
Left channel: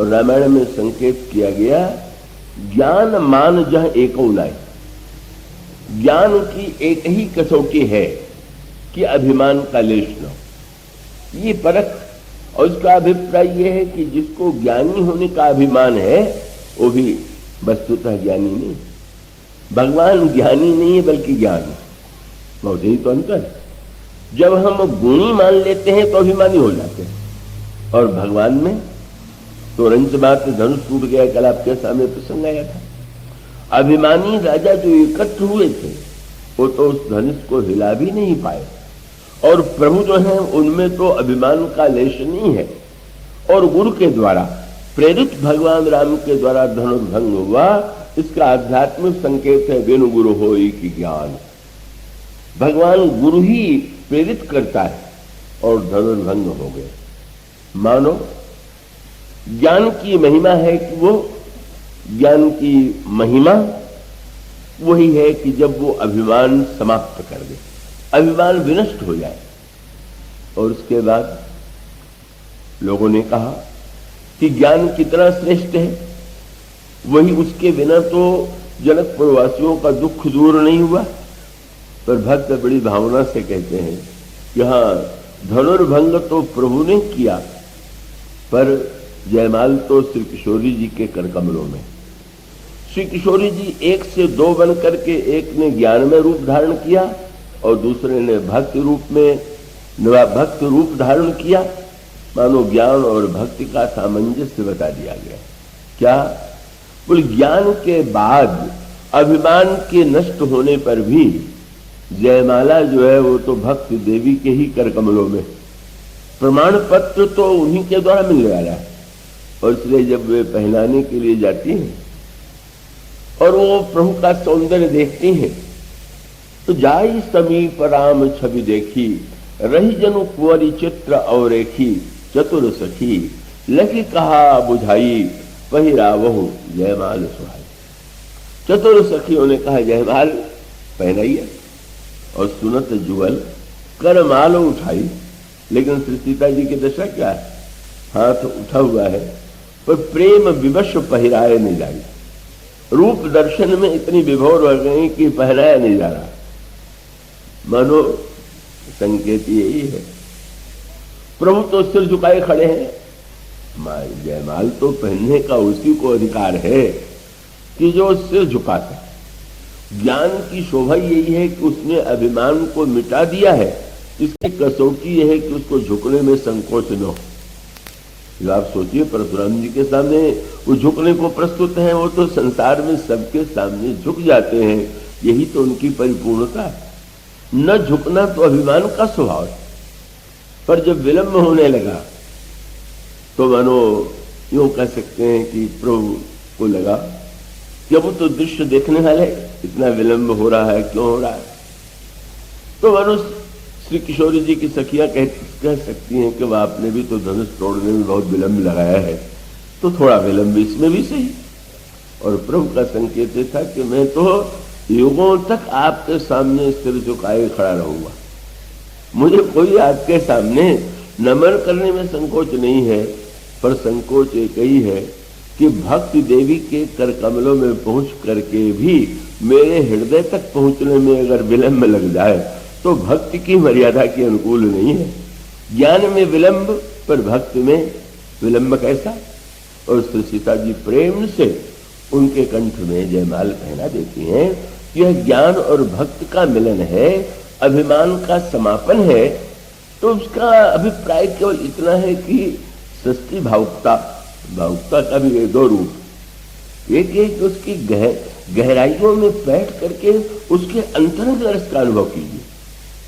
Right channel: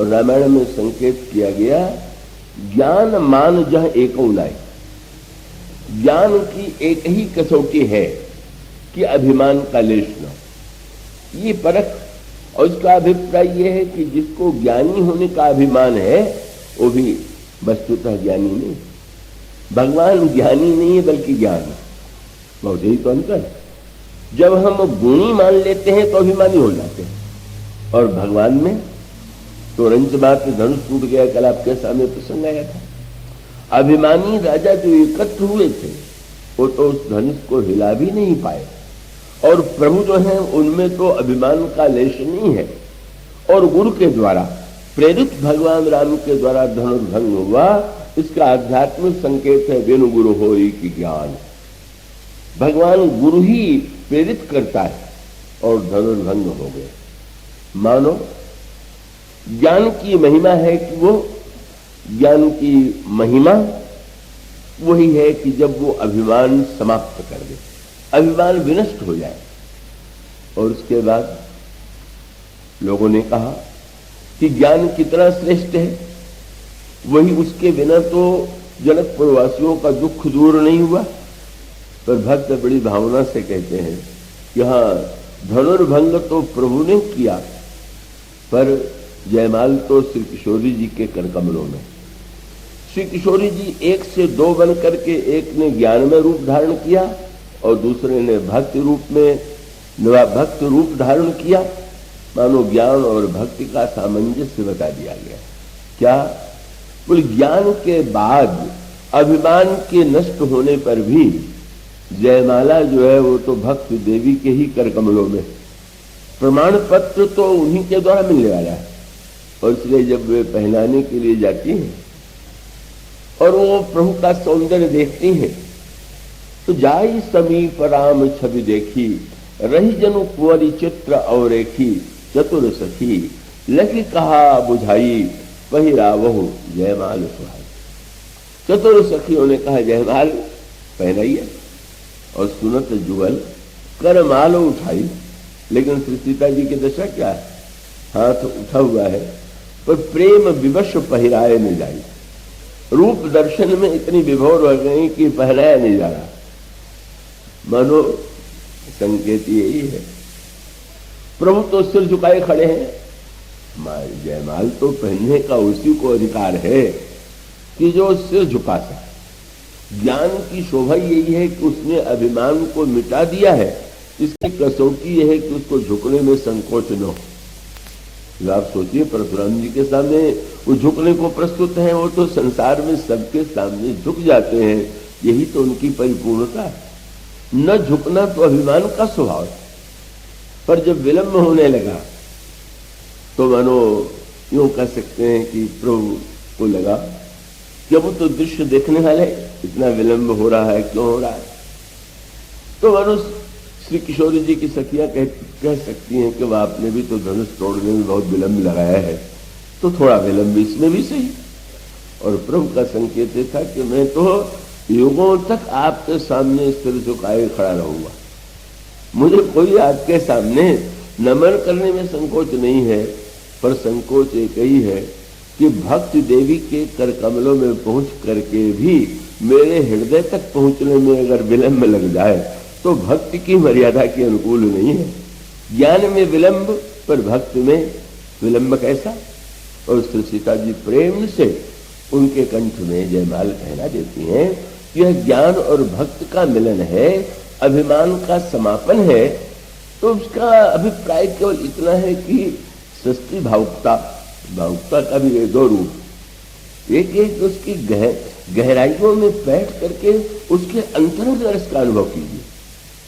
और रामायण में संकेत किया गया ज्ञान मान जह एको लाए। ज्ञान की एक ही कसौटी है कि अभिमान का लेश न हो। ये परख, और इसका अभिप्राय यह है कि जिसको ज्ञानी होने का अभिमान है वो भी वस्तुतः ज्ञानी नहीं। भगवान ज्ञानी नहीं है बल्कि ज्ञानी। बहुत ही तो अंतर। जब हम गुणी मान लेते हैं तो अभिमानी हो जाते हैं, और भगवान में तो रंच बात धनुष टूट गया। कल आपके सामने प्रसंग आया था। अभिमानी राजा जो एकत्र हुए थे वो तो उस धनुष को हिला भी नहीं पाए, और प्रभु जो है उनमें तो अभिमान का लेश नहीं है। और गुरु के द्वारा प्रेरित भगवान राम के द्वारा धनुर्भंग हुआ। इसका आध्यात्मिक संकेत है वेणु गुरु होई की ज्ञान। भगवान गुरु ही प्रेरित करता है और धनुर्भंग हो गए। मानो ज्ञान की महिमा है कि वो ज्ञान की महिमा वही है कि जब वो अभिमान समाप्त कर दे, अभिमान विनष्ट हो जाए। और उसके बाद लोगों ने कहा कि ज्ञान कितना श्रेष्ठ है, वही उसके बिना तो जनकपुरवासियों का दुख दूर नहीं हुआ। पर भक्त बड़ी भावना से कहते हैं कि हाँ, धनुर्भंग तो प्रभु ने किया, पर जयमाल तो श्री किशोरी जी के कर कमलों में। श्री किशोरी जी एक से दो बन करके, एक ने ज्ञान में रूप धारण किया और दूसरे ने भक्ति रूप धारण किया। मानो ज्ञान और भक्ति का सामंजस्य बता दिया गया। क्या बोले, ज्ञान के बाद अभिमान के नष्ट होने पर भी जयमाला जो है वो तो भक्ति देवी के ही कर कमलों में, प्रमाण पत्र तो उन्हीं के द्वारा मिल जा रहा है। और इसलिए जब वे पहनाने के लिए जाती हैं और वो प्रभु का सौंदर्य देखती हैं, तो जाई समीप राम छवि देखी, रही जनु कुंवरी चित्र और रेखी, चतुर सखी लखी कहा बुझाई, वही रावहु जयमाल सुहाई। चतुर सखियों ने कहा जयमाल पहनाइए, और सुनत जुगल कर माल उठाई। लेकिन श्री सीता जी की दशा क्या है, हाथ उठा हुआ है पर प्रेम विवश पहराए नहीं जाए। रूप दर्शन में इतनी विभोर हो गई कि पहराया नहीं जा रहा। मानो संकेत यही है, प्रभु तो सिर झुकाए खड़े हैं, जयमाल तो पहनने का उसी को अधिकार है कि जो सिर झुका सके। ज्ञान की शोभा यही है कि उसने अभिमान को मिटा दिया है। इसकी कसौटी यह है कि उसको झुकने में संकोच न हो। आप सोचिए, परशुराम जी के सामने वो झुकने को प्रस्तुत है, वो तो संसार में सबके सामने झुक जाते हैं। यही तो उनकी परिपूर्णता है। न झुकना तो अभिमान का स्वभाव है, पर जब विलंब होने लगा तो मानो यूं कह सकते हैं कि प्रभु को लगा कि अब तो दृश्य देखने वाले, इतना विलंब हो रहा है, क्यों हो रहा है। तो मानो श्री किशोरी जी की सखियां कह सकती हैं कि वह आपने भी तो धनुष तोड़ने में बहुत विलंब लगाया है, तो थोड़ा विलंब इसमें भी सही। और प्रभु का संकेत था कि मैं तो युगों तक आपके सामने सिर झुकाए खड़ा रहूंगा। मुझे कोई आपके सामने नमन करने में संकोच नहीं है, पर संकोच एक ही है कि भक्ति देवी के कर कमलों में पहुंच करके भी मेरे हृदय तक पहुंचने में अगर विलंब लग जाए तो भक्ति की मर्यादा के अनुकूल नहीं है। ज्ञान में विलंब, पर भक्ति में विलंब कैसा। और श्री सीता जी प्रेम से उनके कंठ में जयमाल पहना देती हैं। यह ज्ञान और भक्ति का मिलन है, अभिमान का समापन है। तो उसका अभिप्राय केवल इतना है कि सस्ती भावुकता का भी ये दो रूप। एक है कि उसकी गहराइयों में बैठ करके उसके अंतरंग रस का अनुभव कीजिए।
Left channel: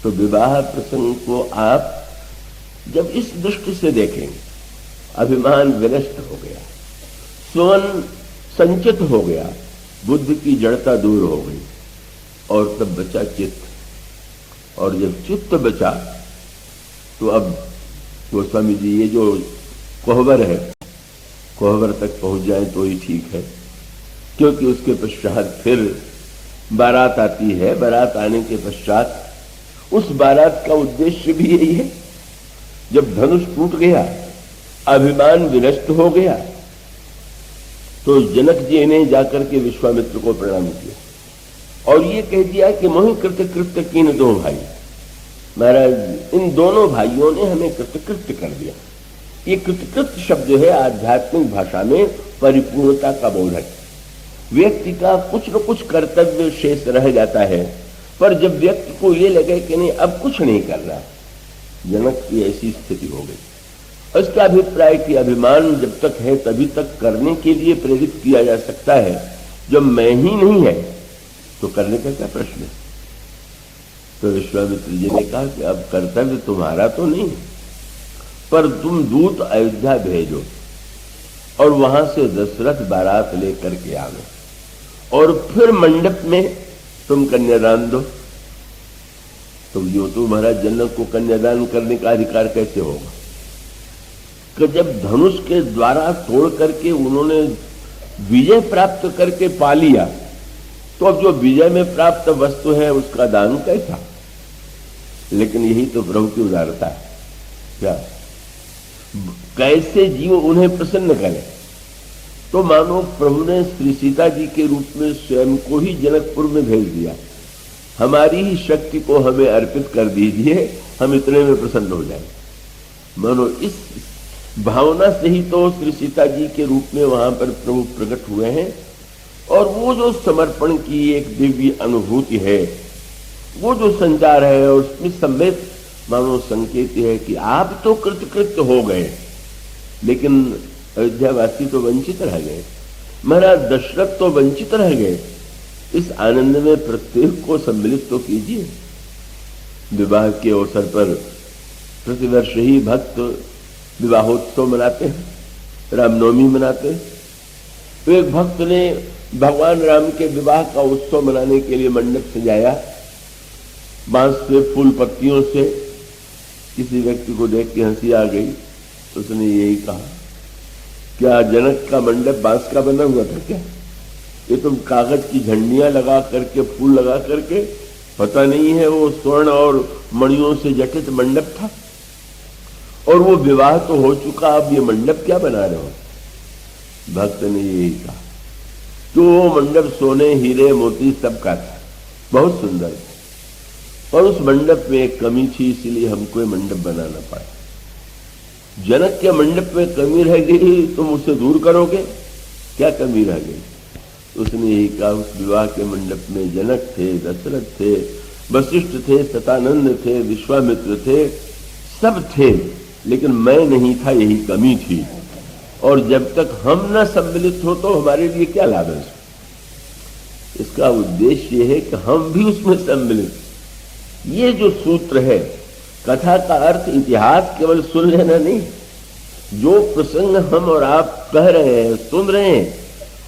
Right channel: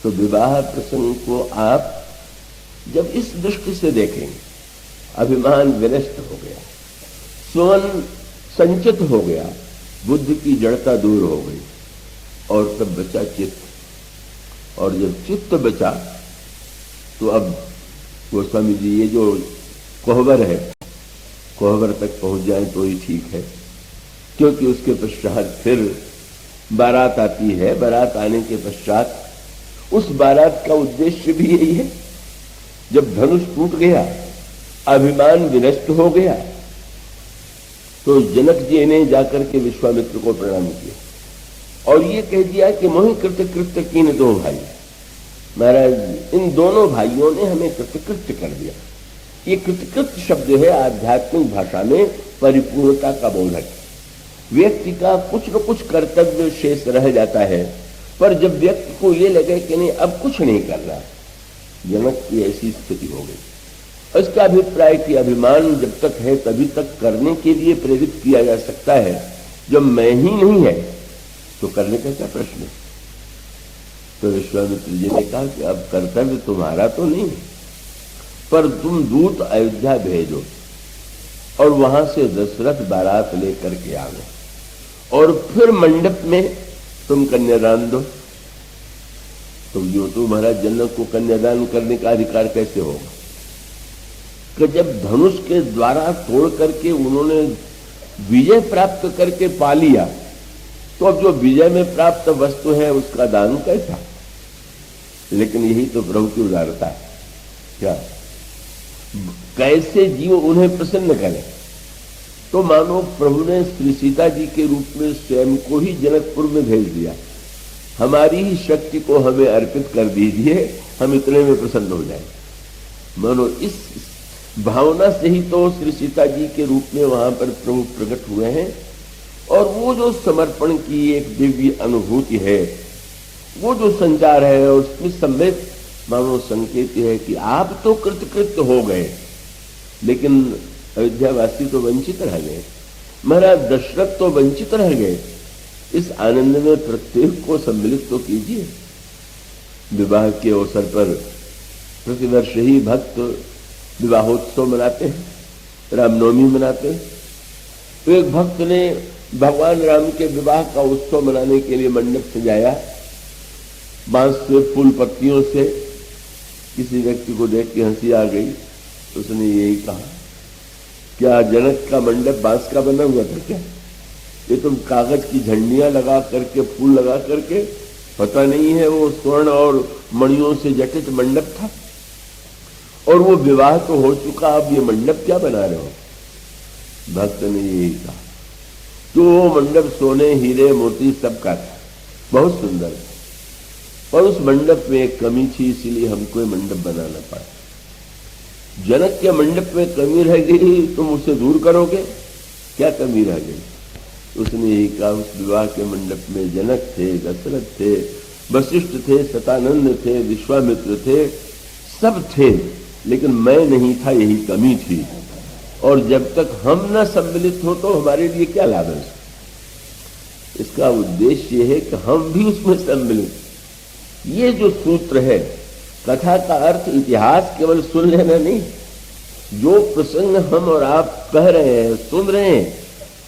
तो विवाह प्रसंग को आप जब इस दृष्टि से देखें, अभिमान विनष्ट हो गया, स्वयं संचित हो गया, बुद्धि की जड़ता दूर हो गई, और तब बचा चित्त। और जब चित्त बचा तो अब गोस्वामी जी ये जो कोहबर है, कोहबर तक पहुंच जाए तो ही ठीक है, क्योंकि उसके पश्चात फिर बारात आती है। बारात आने के पश्चात उस बारात का उद्देश्य भी यही है। जब धनुष टूट गया, अभिमान विनष्ट हो गया, तो जनक जी ने जाकर के विश्वामित्र को प्रणाम किया और ये कह दिया कि मोहि कृतकृत्य कीन दो भाई। महाराज, इन दोनों भाइयों ने हमें कृतकृत्य कर दिया। ये कृतकृत्य शब्द है आध्यात्मिक भाषा में परिपूर्णता का बोधक। व्यक्ति का कुछ न कुछ कर्तव्य शेष रह जाता है, पर जब व्यक्ति को ये लगे कि नहीं अब कुछ नहीं कर रहा, जनक की ऐसी स्थिति हो गई। इसका अभिप्राय कि अभिमान जब तक है तभी तक करने के लिए प्रेरित किया जा सकता है। जब मैं ही नहीं है तो करने का क्या प्रश्न है। तो विश्वामित्र जी ने कहा कि अब कर्तव्य तुम्हारा तो नहीं, पर तुम दूत अयोध्या भेजो और वहां से दशरथ बारात लेकर के आओ और फिर मंडप में तुम कन्यादान दो। तुम जो तो महाराज जनक को कन्यादान करने का अधिकार कैसे होगा कि जब धनुष के द्वारा तोड़ करके उन्होंने विजय प्राप्त करके पा लिया, तो अब जो विजय में प्राप्त वस्तु है उसका दान कैसा? लेकिन यही तो प्रभु की उदारता है। क्या कैसे जीव उन्हें प्रसन्न करे? तो मानो प्रभु ने श्री सीता जी के रूप में स्वयं को ही जनकपुर में भेज दिया। हमारी ही शक्ति को हमें अर्पित कर दीजिए, हम इतने में प्रसन्न हो जाए। मानो इस भावना से ही तो श्री सीता जी के रूप में वहां पर प्रभु प्रकट हुए हैं। और वो जो समर्पण की एक दिव्य अनुभूति है, वो जो संचार है, उसमें समेत मानो संकेत है कि आप तो कृतकृत्य हो गए, लेकिन अयोध्यावासी तो वंचित रह गए, महाराज दशरथ तो वंचित रह गए। इस आनंद में प्रत्येक को सम्मिलित तो कीजिए। विवाह के अवसर पर प्रतिवर्ष ही भक्त विवाहोत्सव मनाते हैं, रामनवमी मनाते हैं। तो एक भक्त ने भगवान राम के विवाह का उत्सव मनाने के लिए मंडप सजाया, बांस से, फूल पत्तियों से। किसी व्यक्ति को देख के हंसी आ गई। उसने यही कहा, क्या जनक का मंडप बांस का बना हुआ था क्या? ये तुम कागज की झंडियां लगा करके, फूल लगा करके, पता नहीं है वो स्वर्ण और मणियों से जटित मंडप था। और वो विवाह तो हो चुका, अब ये मंडप क्या बना रहे हो? भक्त ने यही कहा, तो मंडप सोने, हीरे, मोती सब का था, बहुत सुंदर। और उस मंडप में एक कमी थी, इसलिए हमको ये मंडप बनाना पड़ा। जनक के मंडप में कमी रह गई, तुम उसे दूर करोगे? क्या कमी रह गई? उसने यही कहा, उस विवाह के मंडप में जनक थे, दशरथ थे, वशिष्ठ थे, सतानंद थे, विश्वामित्र थे, सब थे, लेकिन मैं नहीं था, यही कमी थी। और जब तक हम न सम्मिलित हो तो हमारे लिए क्या लाभ है? इसका उद्देश्य यह है कि हम भी उसमें सम्मिलित। ये जो सूत्र है, कथा का अर्थ इतिहास केवल सुन लेना नहीं, जो प्रसंग हम और आप कह रहे हैं, सुन रहे हैं,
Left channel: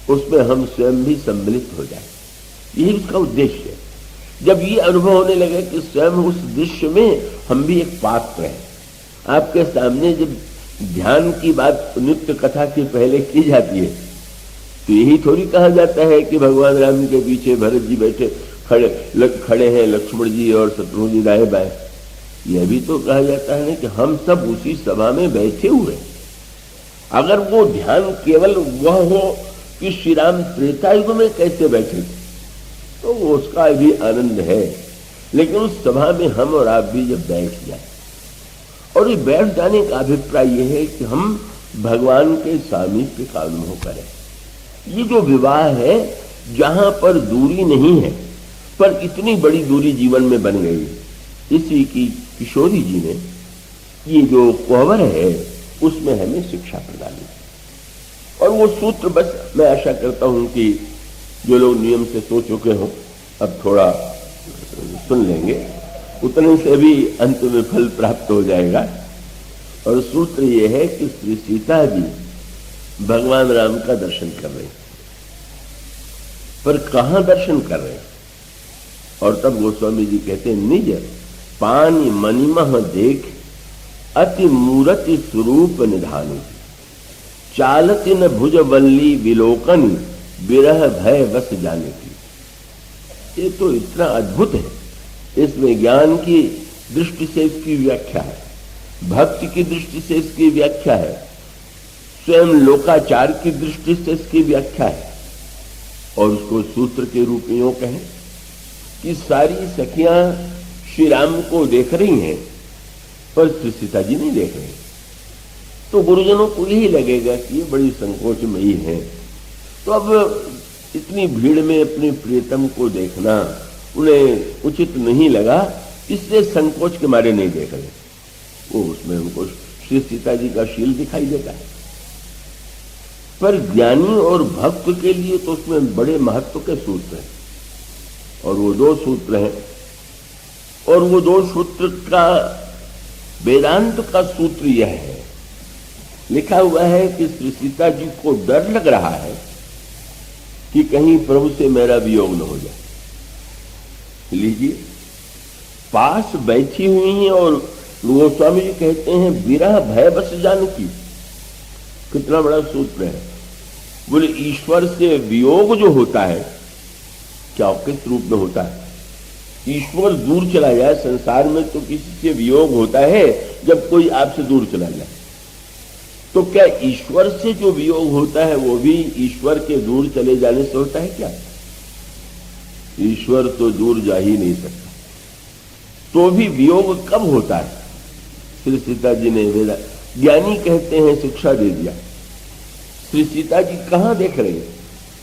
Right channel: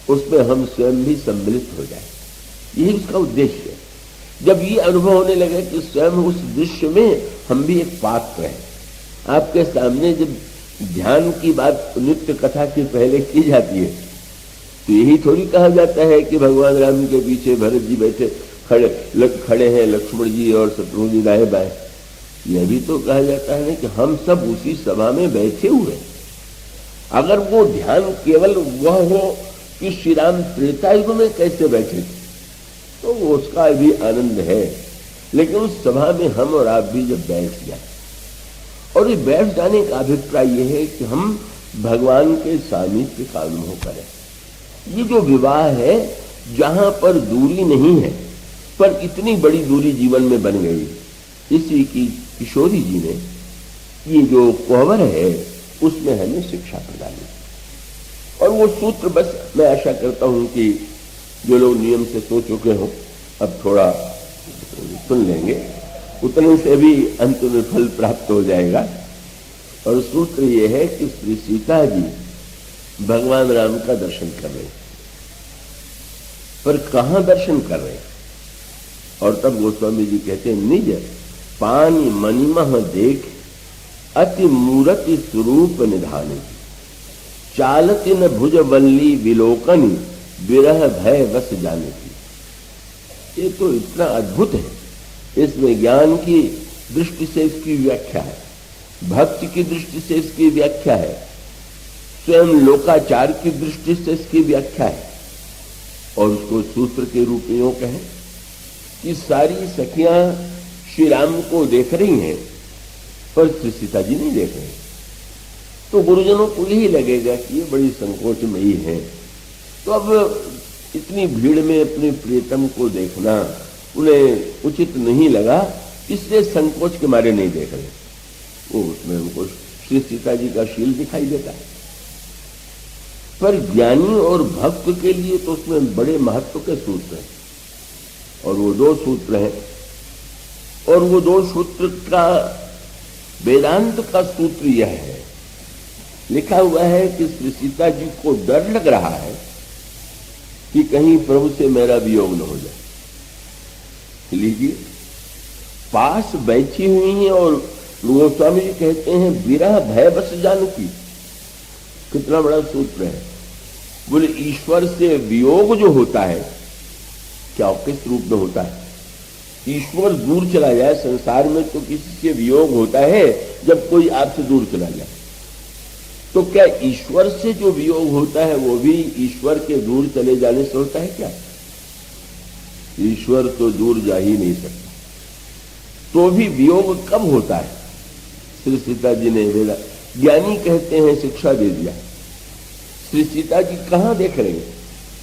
उसमें हम स्वयं भी सम्मिलित हो जाए, यही उसका उद्देश्य है। जब ये अनुभव होने लगे कि स्वयं उस दृश्य में हम भी एक पात्र हैं। आपके सामने जब ध्यान की बात नित्य कथा के पहले की जाती है, तो यही थोड़ी कहा जाता है कि भगवान राम के पीछे भरत जी बैठे खड़े हैं, लक्ष्मण जी और शत्रुघ्न जी दाएं बाएं। यह भी तो कहा जाता है कि हम सब उसी सभा में बैठे हुए। अगर वो ध्यान केवल वह हो कि श्री राम त्रेता युग में कैसे बैठे, तो उसका भी आनंद है। लेकिन उस सभा में हम और आप भी जब बैठ जाए, और ये बैठ जाने का अभिप्राय यह है कि हम भगवान के सामीप्य का अनुभव करें। ये जो विवाह है, जहां पर दूरी नहीं है, पर इतनी बड़ी दूरी जीवन में बन गई, इसी की किशोरी जी ने ये जो कोहबर है उसमें हमें शिक्षा प्रदान की। और वो सूत्र बस मैं आशा करता हूं कि जो लोग नियम से सो चुके हो, अब थोड़ा सुन लेंगे, उतने से भी अंत में फल प्राप्त हो जाएगा। और सूत्र ये है कि श्री सीता जी भगवान राम का दर्शन कर रहे, पर कहां दर्शन कर रहे? और तब गोस्वामी जी कहते हैं, निज पानी मणिमह देख अति मूर्ति स्वरूप निधान, चालति न भुज बल्ली विलोकन, विरह भय वस जाने की। ये तो इतना अद्भुत है। इसमें ज्ञान की दृष्टि से इसकी व्याख्या है, भक्ति की दृष्टि से इसकी व्याख्या है, स्वयं लोकाचार की दृष्टि से इसकी व्याख्या है। और उसको सूत्र के रूप में यूं कहें कि सारी सखियां श्री राम को देख रही हैं, पर श्री सीता जी नहीं देख रहे। तो गुरुजनों को यही लगेगा कि ये बड़ी संकोचमयी है, तो अब इतनी भीड़ में अपने प्रियतम को देखना उन्हें उचित नहीं लगा, इसलिए संकोच के मारे नहीं देख रहे। वो उसमें उनको श्री सीता जी का शील दिखाई देता है। पर ज्ञानी और भक्त के लिए तो उसमें बड़े महत्व के सूत्र हैं, और वो दो सूत्र हैं। और वो दो सूत्र का वेदांत का सूत्र यह है, लिखा हुआ है कि श्री सीता जी को डर लग रहा है कि कहीं प्रभु से मेरा वियोग न हो जाए। लीजिए, पास बैठी हुई हैं और गोस्वामी जी कहते हैं विरह भय बस जानकी। कितना बड़ा सूत्र है। बोले ईश्वर से वियोग जो होता है क्या किस रूप में होता है? ईश्वर दूर चला जाए, संसार में तो किसी से वियोग होता है जब कोई आपसे दूर चला जाए, तो क्या ईश्वर से जो वियोग होता है वो भी ईश्वर के दूर चले जाने से होता है क्या? ईश्वर तो दूर जा ही नहीं सकता। तो भी वियोग कब होता है? श्री सीता जी ने ज्ञानी कहते हैं शिक्षा दे दिया। श्री सीता जी कहां देख रहे हैं?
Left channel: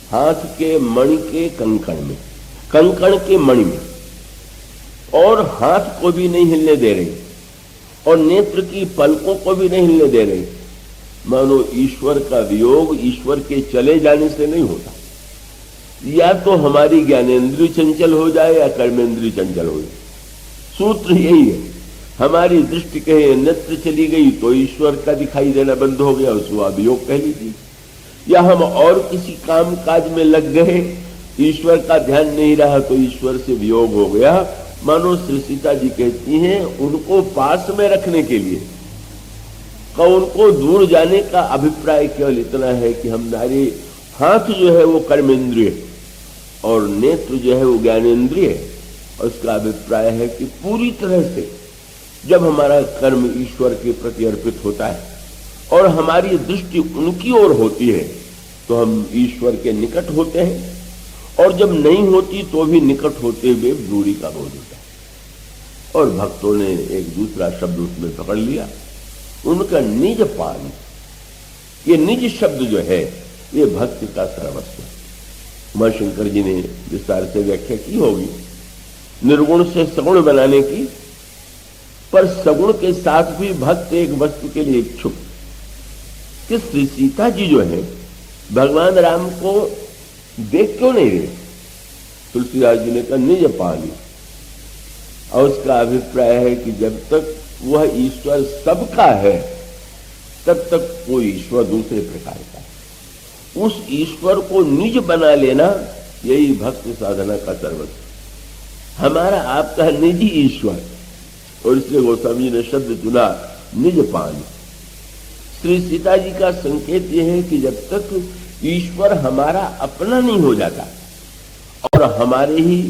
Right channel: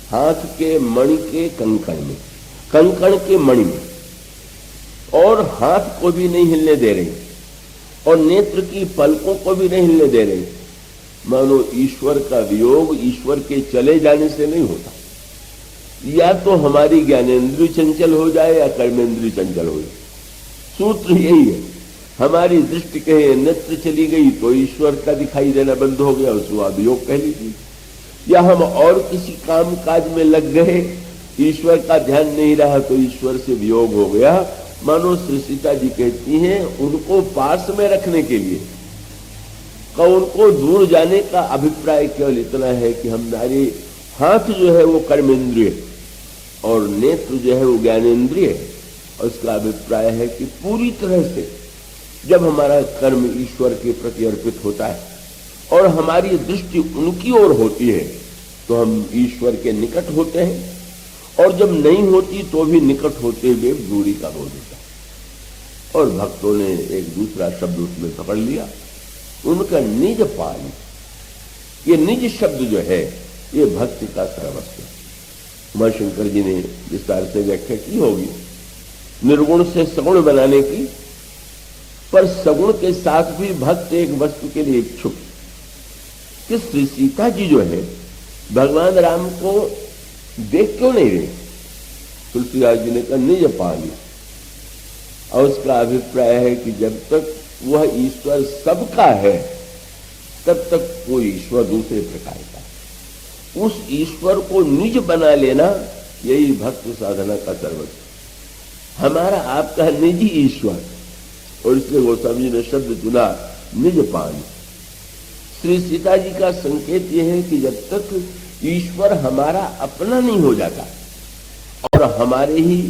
हाथ के मणि के कंकण में, कंकण के मणि में, और हाथ को भी नहीं हिलने दे रहे और नेत्र की पलकों को भी नहीं हिलने दे रहे। मानो ईश्वर का वियोग ईश्वर के चले जाने से नहीं होता। या तो हमारी ज्ञानेन्द्रिय चंचल हो जाए या कर्मेंद्रिय चंचल हो जाए। सूत्र यही है। हमारी दृष्टि कहे नेत्र चली गई तो ईश्वर का दिखाई देना बंद हो गया, उसको अभियोग कह लीजिए। या हम और किसी काम काज में लग गए, ईश्वर का ध्यान नहीं रहा तो ईश्वर से वियोग हो गया। मानो श्री सीता जी कहती हैं उनको पास में रखने के लिए का उनको दूर जाने का अभिप्राय केवल इतना है कि हमारे हाथ जो है वो कर्मेंद्रिय और नेत्र जो है वो ज्ञानेन्द्रिय। उसका अभिप्राय है कि पूरी तरह से जब हमारा कर्म ईश्वर के प्रति अर्पित होता है और हमारी दृष्टि उनकी ओर होती है तो हम ईश्वर के निकट होते हैं, और जब नहीं होती तो भी निकट होते हुए दूरी का बोध होता है। और भक्तों ने एक दूसरा शब्द उसमें पकड़ लिया, उनका निज पान। ये निज शब्द जो है ये भक्ति का सर्वस्व है। मां शंकर जी ने विस्तार से व्याख्या की होगी निर्गुण से सगुण बनाने की, पर सगुण के साथ भी भक्त एक वस्तु के लिए इच्छुक। कि श्री सीता जी जो है भगवान राम को देख क्यों नहीं रहे? तुलसीदास जी ने कहा निज पानी, और उसका अभिप्राय है कि जब तक वह ईश्वर सबका है तब तक कोई ईश्वर दूसरे प्रकार का। उस ईश्वर को निज बना लेना यही भक्त साधना का सर्वस्व। हमारा आपका निजी ईश्वर, और इसलिए गोस्वामी जी ने शब्द चुना निज पान। श्री सीता जी का संकेत यह है कि जब तक ईश्वर हमारा अपना नहीं हो जाता और हमारे ही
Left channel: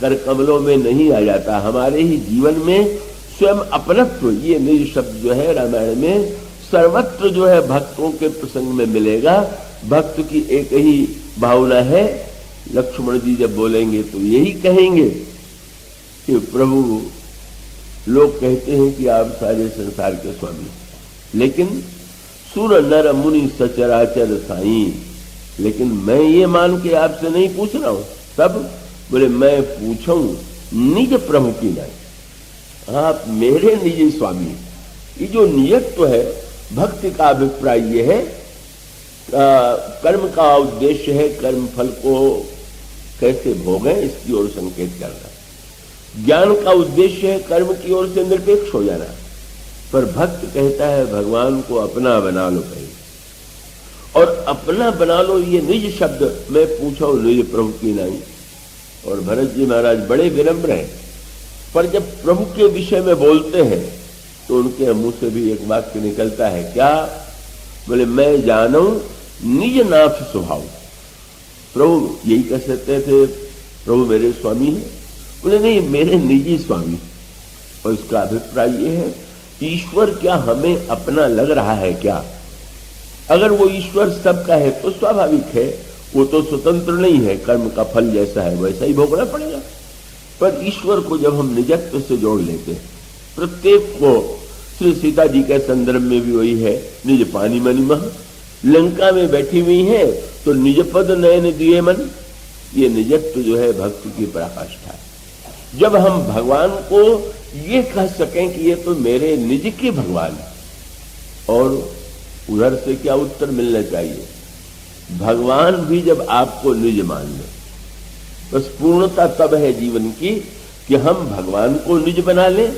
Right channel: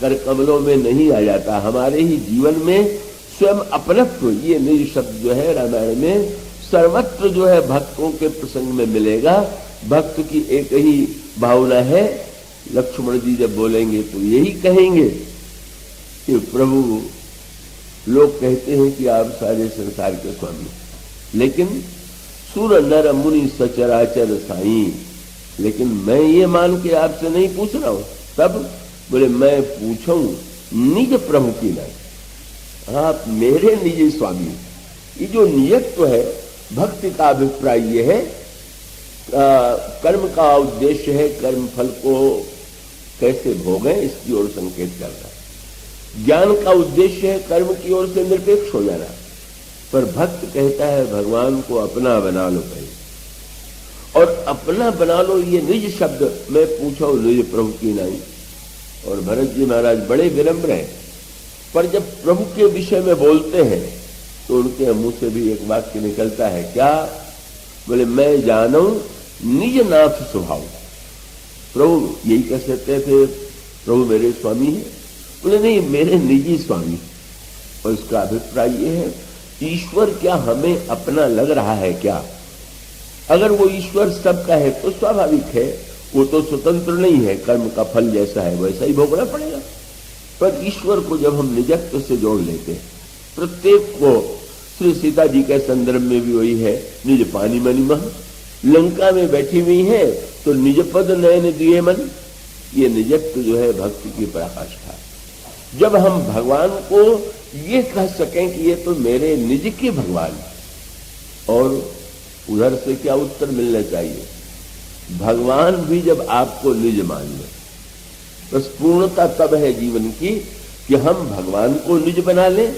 कर कमलों में नहीं आ जाता, हमारे ही जीवन में स्वयं अपनत्व, ये निज शब्द जो है रामायण में सर्वत्र जो है भक्तों के प्रसंग में मिलेगा। भक्त की एक ही भावना है। लक्ष्मण जी जब बोलेंगे तो यही कहेंगे कि प्रभु, लोग कहते हैं कि आप सारे संसार के स्वामी, लेकिन सुर नर मुनि सचराचर साईं, लेकिन मैं ये मान के आपसे नहीं पूछ रहा हूं। तब बोले मैं पूछूं निज प्रभु की नहीं, आप मेरे निजी स्वामी। ये जो नियत्व है भक्ति का अभिप्राय ये है। कर्म का उद्देश्य है कर्म फल को कैसे भोगें इसकी ओर संकेत करना। ज्ञान का उद्देश्य है कर्म की ओर से निरपेक्ष हो जाना। पर भक्त कहता है भगवान को अपना बना लो पहले, और अपना बना लो ये निज शब्द मैं पूछो निज प्रभु की नहीं। और भरत जी महाराज बड़े विनम्र हैं, पर जब प्रभु के विषय में बोलते हैं तो उनके मुंह से भी एक वाक्य निकलता है, क्या? बोले मैं जानो निज नाथ स्वभाव। प्रभु यही कह सकते थे प्रभु मेरे स्वामी हैं? बोले नहीं, मेरे निजी स्वामी। और इसका अभिप्राय यह है ईश्वर क्या हमें अपना लग रहा है क्या? अगर वो ईश्वर सबका है तो स्वाभाविक है, वो तो स्वतंत्र नहीं है, कर्म का फल जैसा है वैसा ही भोगना पड़ेगा। पर ईश्वर को जब हम निजत्व से जोड़ लेते, प्रत्येक को, श्री सीता जी के संदर्भ में भी वही है, निज पानी मनि मह, लंका में बैठी हुई है तो निज पद नयन दिए मन। ये निजत्व जो है भक्ति की पराकाष्ठा है। जब हम भगवान को ये कह सकें कि ये तो मेरे निज के भगवान है, और उधर से क्या उत्तर मिलना चाहिए? भगवान भी जब आपको निज मान ले, तो पूर्णता तब है जीवन की कि हम भगवान को निज बना लें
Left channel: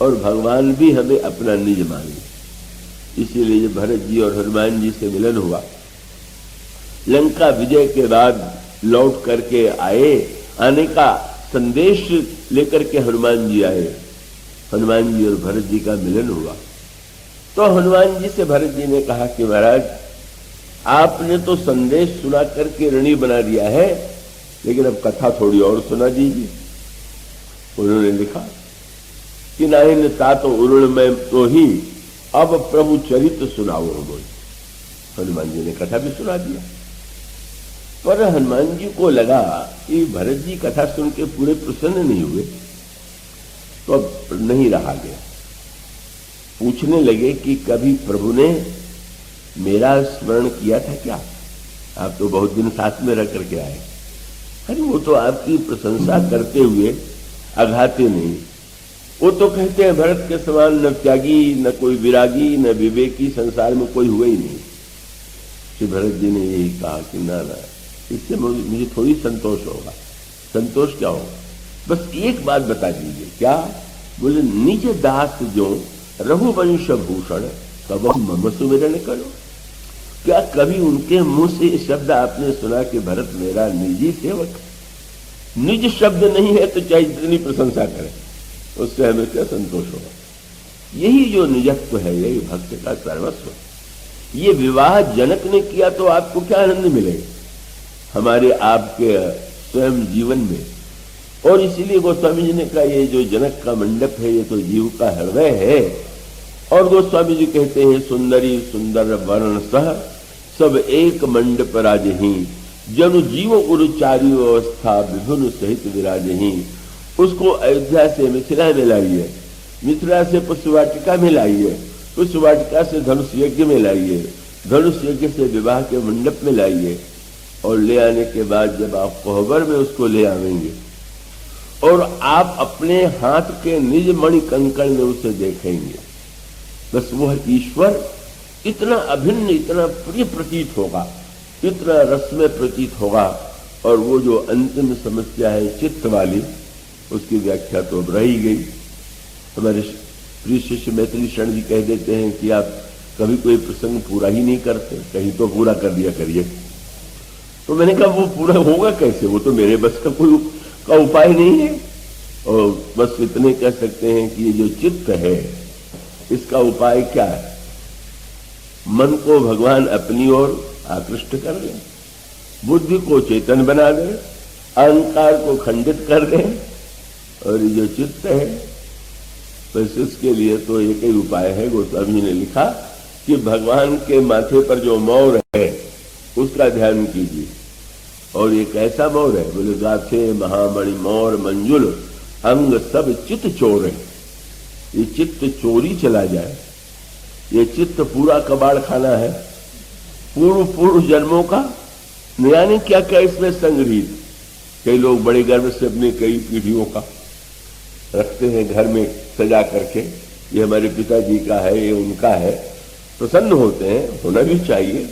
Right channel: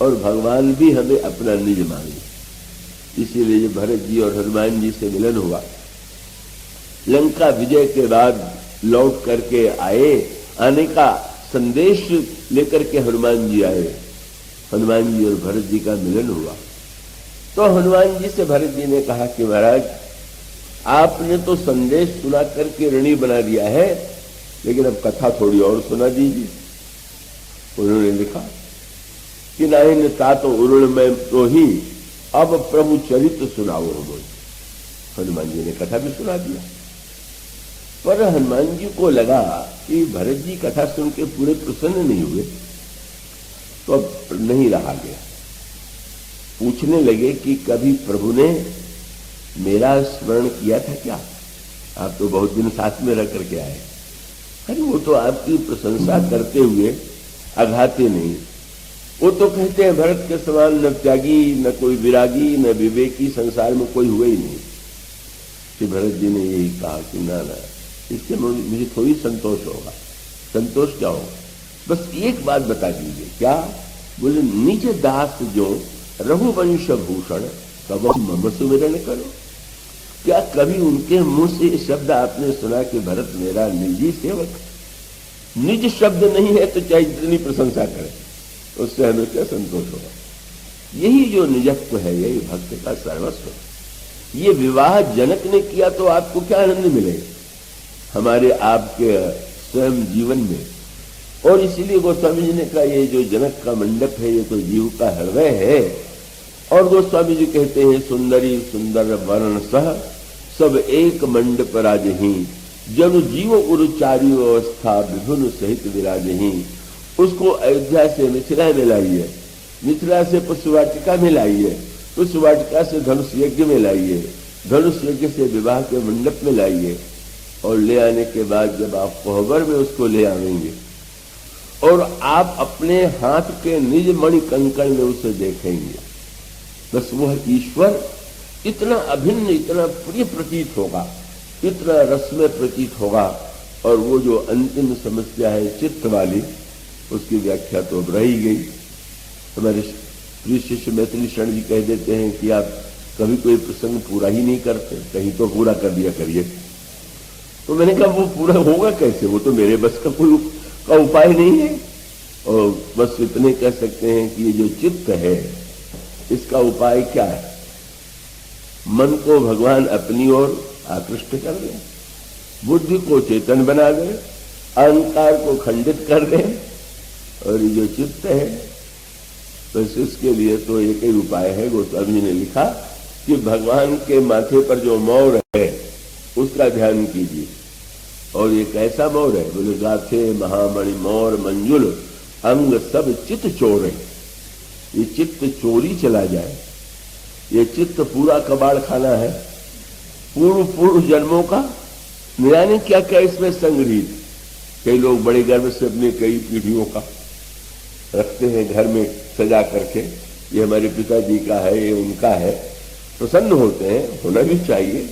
और भगवान भी हमें अपना निज मान ले। इसीलिए जब भरत जी और हनुमान जी से मिलन हुआ, लंका विजय के बाद लौट करके आने का संदेश लेकर के हनुमान जी आए, हनुमान जी और भरत जी का मिलन हुआ, तो हनुमान जी से भरत जी ने कहा कि महाराज आपने तो संदेश सुना करके ऋणी बना दिया है, लेकिन अब कथा थोड़ी और सुना दीजिए। उन्होंने लिखा कि नहीं तात उरुण में तो ही अब प्रभु चरित्र सुनाओ हम। हनुमान जी ने कथा भी सुना दिया, पर हनुमान जी को लगा कि भरत जी कथा सुन के पूरे प्रसन्न नहीं हुए, तो नहीं रहा गया। पूछने लगे कि कभी प्रभु ने मेरा स्मरण किया था क्या? आप तो बहुत दिन साथ में रह करके आए। अरे वो तो आपकी प्रशंसा करते हुए अघाते नहीं। वो तो कहते हैं भरत के समान न त्यागी, न कोई विरागी, न विवेकी संसार में कोई हुए ही नहीं। श्री भरत जी ने यही कहा कि ना, इससे मुझे थोड़ी संतोष होगा। संतोष क्या होगा? बस एक बात बता दीजिए। क्या? बोले निज दास जो रघुवंश भूषण कब मम सुमिरन करो। क्या कभी उनके मुंह से शब्द आपने सुना कि भरत मेरा निजी सेवक? निज शब्द नहीं है तो चाहे जितनी प्रशंसा करे, उससे हमें क्या संतोष होगा? यही जो निजत्व है, यही भक्त का सर्वस्व। ये विवाह जनक ने किया तो आपको क्या आनंद मिलेगा हमारे आपके स्वयं जीवन में? और इसीलिए गोस्वामी जी ने कहा ये जो जनक का मंडप है ये तो जीव का हृदय है। और गोस्वामी जी कहते हैं सुंदरी सुंदर वर्ण सह सब एक मंडप राजही, जनु जीव उरु चारु अवस्था विभुन सहित विराजही। उसको अयोध्या से मिथिला में लाइए, मिथिला से पुष्पवाटिका में लाइए, पुष्पवाटिका से धनुष यज्ञ में लाइए, धनुष यज्ञ से विवाह के मंडप में लाइए, और ले आने के बाद जब आप कोहबर में उसको ले आवेंगे और आप अपने हाथ के निज मणि कंकण में उसे देखेंगे, बस वह ईश्वर इतना अभिन्न, इतना प्रिय प्रतीत होगा, इतना रसमय प्रतीत होगा। और वो जो अंतिम समस्या है चित्त वाली, उसकी व्याख्या तो अब रही गई। हमारे प्रिय शिष्य मैथिली शरण जी कह देते हैं कि आप कभी कोई प्रसंग पूरा ही नहीं करते, कहीं तो पूरा कर दिया करिए। तो मैंने कहा वो पूरा होगा कैसे? वो तो मेरे बस का कोई का उपाय नहीं है। और बस इतने कह सकते हैं कि ये जो चित्त है इसका उपाय क्या है? मन को भगवान अपनी ओर आकृष्ट कर दे, बुद्धि को चेतन बना दे, अहंकार को खंडित कर दे। और ये जो चित्त है बस इसके लिए तो एक ही उपाय है। गोस्वामी ने लिखा कि भगवान के माथे पर जो मौर है उसका ध्यान कीजिए। और ये कैसा मौर है? बोले गाथे महामणि मौर मंजुल अंग सब चित्त चोर है। ये चित्त चोरी चला जाए, ये चित्त पूरा कबाड़ खाना है, पूर्व पूर्व जन्मों का। यानी क्या क्या इसमें संग्रहित। कई लोग बड़े गर्व से अपने कई पीढ़ियों का रखते हैं घर में सजा करके, ये हमारे पिताजी का है, ये उनका है, प्रसन्न होते हैं, होना भी चाहिए।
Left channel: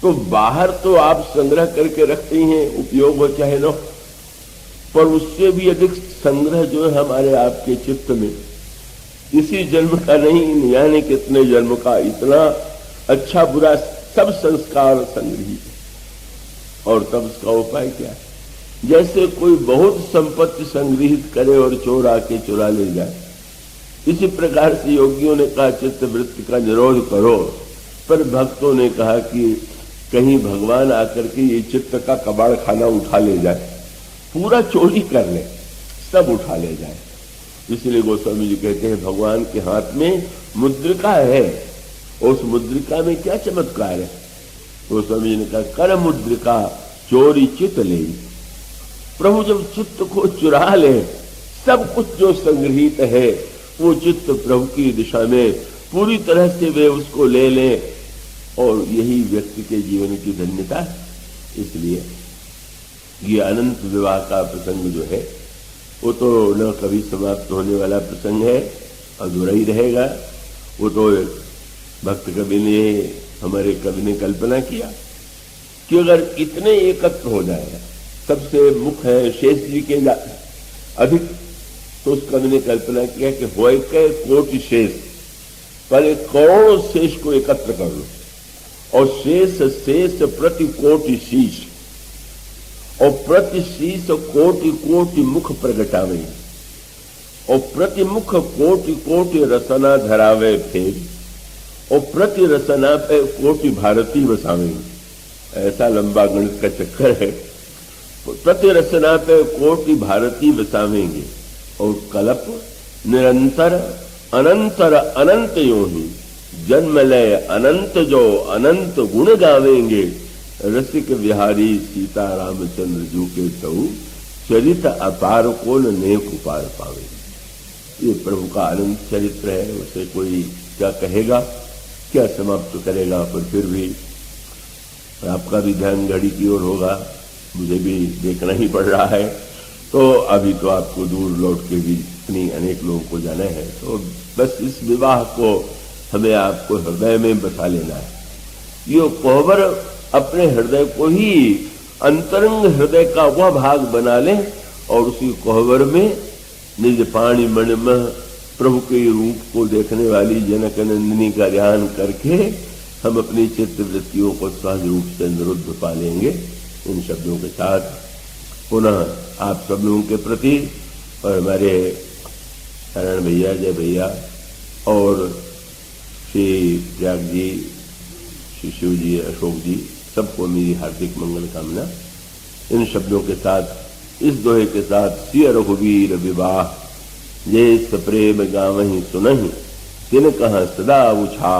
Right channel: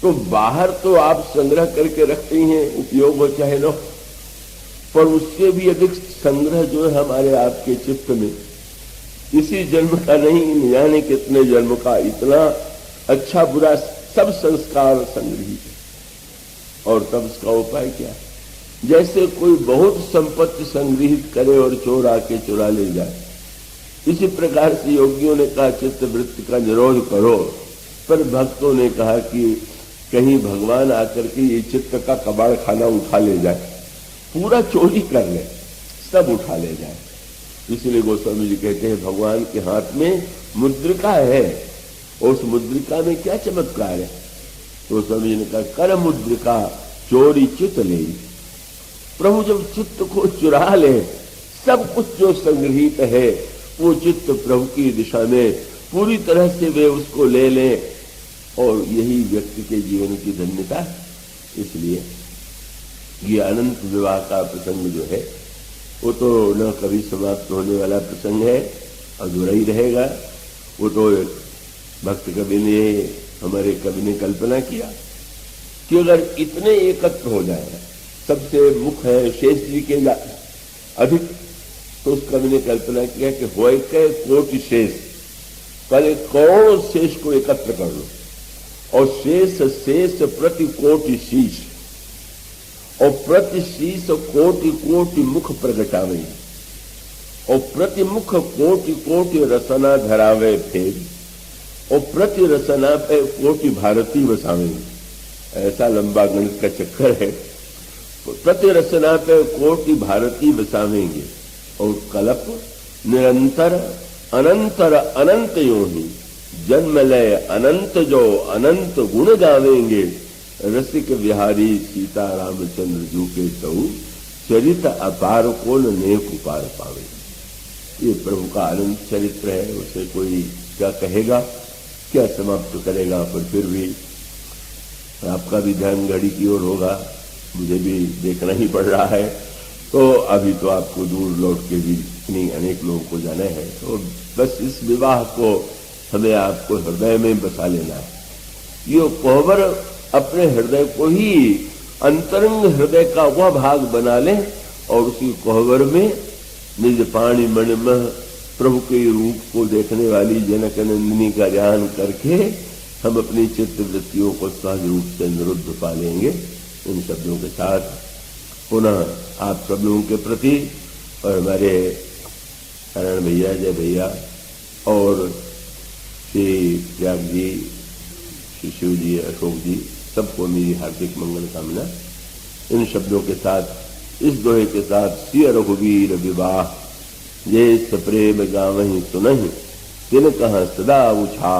तो बाहर तो आप संग्रह करके रखते ही हैं, उपयोग हो चाहे न, पर उससे भी अधिक संग्रह जो है हमारे आपके चित्त में, इसी जन्म का नहीं जाने कितने जन्म का इतना अच्छा बुरा सब संस्कार संग्रहित है। और तब उसका उपाय क्या? जैसे कोई बहुत संपत्ति संग्रहित करे और चोर आके चुरा ले जाए, इसी प्रकार से योगियों ने कहा चित्त वृत्ति का निरोध करो। पर भक्तों ने कहा कि कहीं भगवान आकर के ये चित्त का कबाड़ खाना उठा ले जाए, पूरा चोरी कर ले, सब उठा ले जाए। इसलिए गोस्वामी जी कहते हैं भगवान के हाथ में मुद्रिका है, उस मुद्रिका में क्या चमत्कार है? गोस्वामी जी ने कहा कर मुद्रिका चोरी चित्त ले। प्रभु जब चित्त को चुरा ले, सब कुछ जो संग्रहित है वो चित्त प्रभु की दिशा में पूरी तरह से वे उसको ले ले, और यही व्यक्ति के जीवन की धन्यता है। इसलिए ये अनंत विवाह का प्रसंग जो है वो तो न कभी समाप्त होने वाला प्रसंग है, अधूरा ही रहेगा। वो तो भक्त कवि ने, हमारे कवि ने कल्पना किया कि अगर इतने एकत्र हो जाए, सबसे मुख्य है शेष जी के अधिक, तो उस कवि ने कल्पना किया कि होए के कोटि शेष, पहले करोड़ों शेष को एकत्र कर लो, और शेष शेष प्रति कोटि शीश, और प्रति शीश कोटि कोटि मुख प्रगटावे, और प्रति मुख कोटि कोटि रसना धरावे थे, और प्रति रसना पे कोटि भारती बसावे। ऐसा लंबा गणित का चक्कर है। प्रति रचना पे कोटि भारती बसावेंगे और कल्प निरंतर अनंतर अनंत यो ही जन्म लय अनंत जो अनंत गुण गावेंगे रसिक बिहारी सीता रामचंद्र जू के कहू चरित अपार को नेक उपाय पावे। ये प्रभु का अनंत चरित्र है, उसे कोई क्या कहेगा, क्या समाप्त करेगा। पर फिर भी आपका भी ध्यान घड़ी की ओर होगा, मुझे भी देखना ही पड़ रहा है। तो अभी तो आपको दूर लौट के भी इतनी अनेक लोगों को जाना है, तो बस इस विवाह को हमें आपको हृदय में बसा लेना है। ये कोहबर अपने हृदय को ही अंतरंग हृदय का वह भाग बना ले और उसी कोहबर में निज पाणी मन में प्रभु के रूप को देखने वाली जनक नंदिनी का ध्यान करके हम अपनी चित्त वृत्तियों को सहज रूप से निरुद्ध पा लेंगे। इन शब्दों के साथ पुनः आप सब लोगों के प्रति और हमारे नारायण भैया, जय भैया और श्री त्याग जी, श्री शिव जी, अशोक जी, सबको मेरी हार्दिक मंगल कामना। इन शब्दों के साथ, इस दोहे के साथ, सिय रघुवीर विवाह जे सप्रेम गावहि सुनहि तिन कहा सदा उछा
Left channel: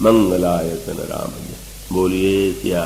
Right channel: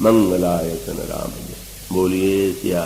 मंगलायतन राम। बोलिए सिया।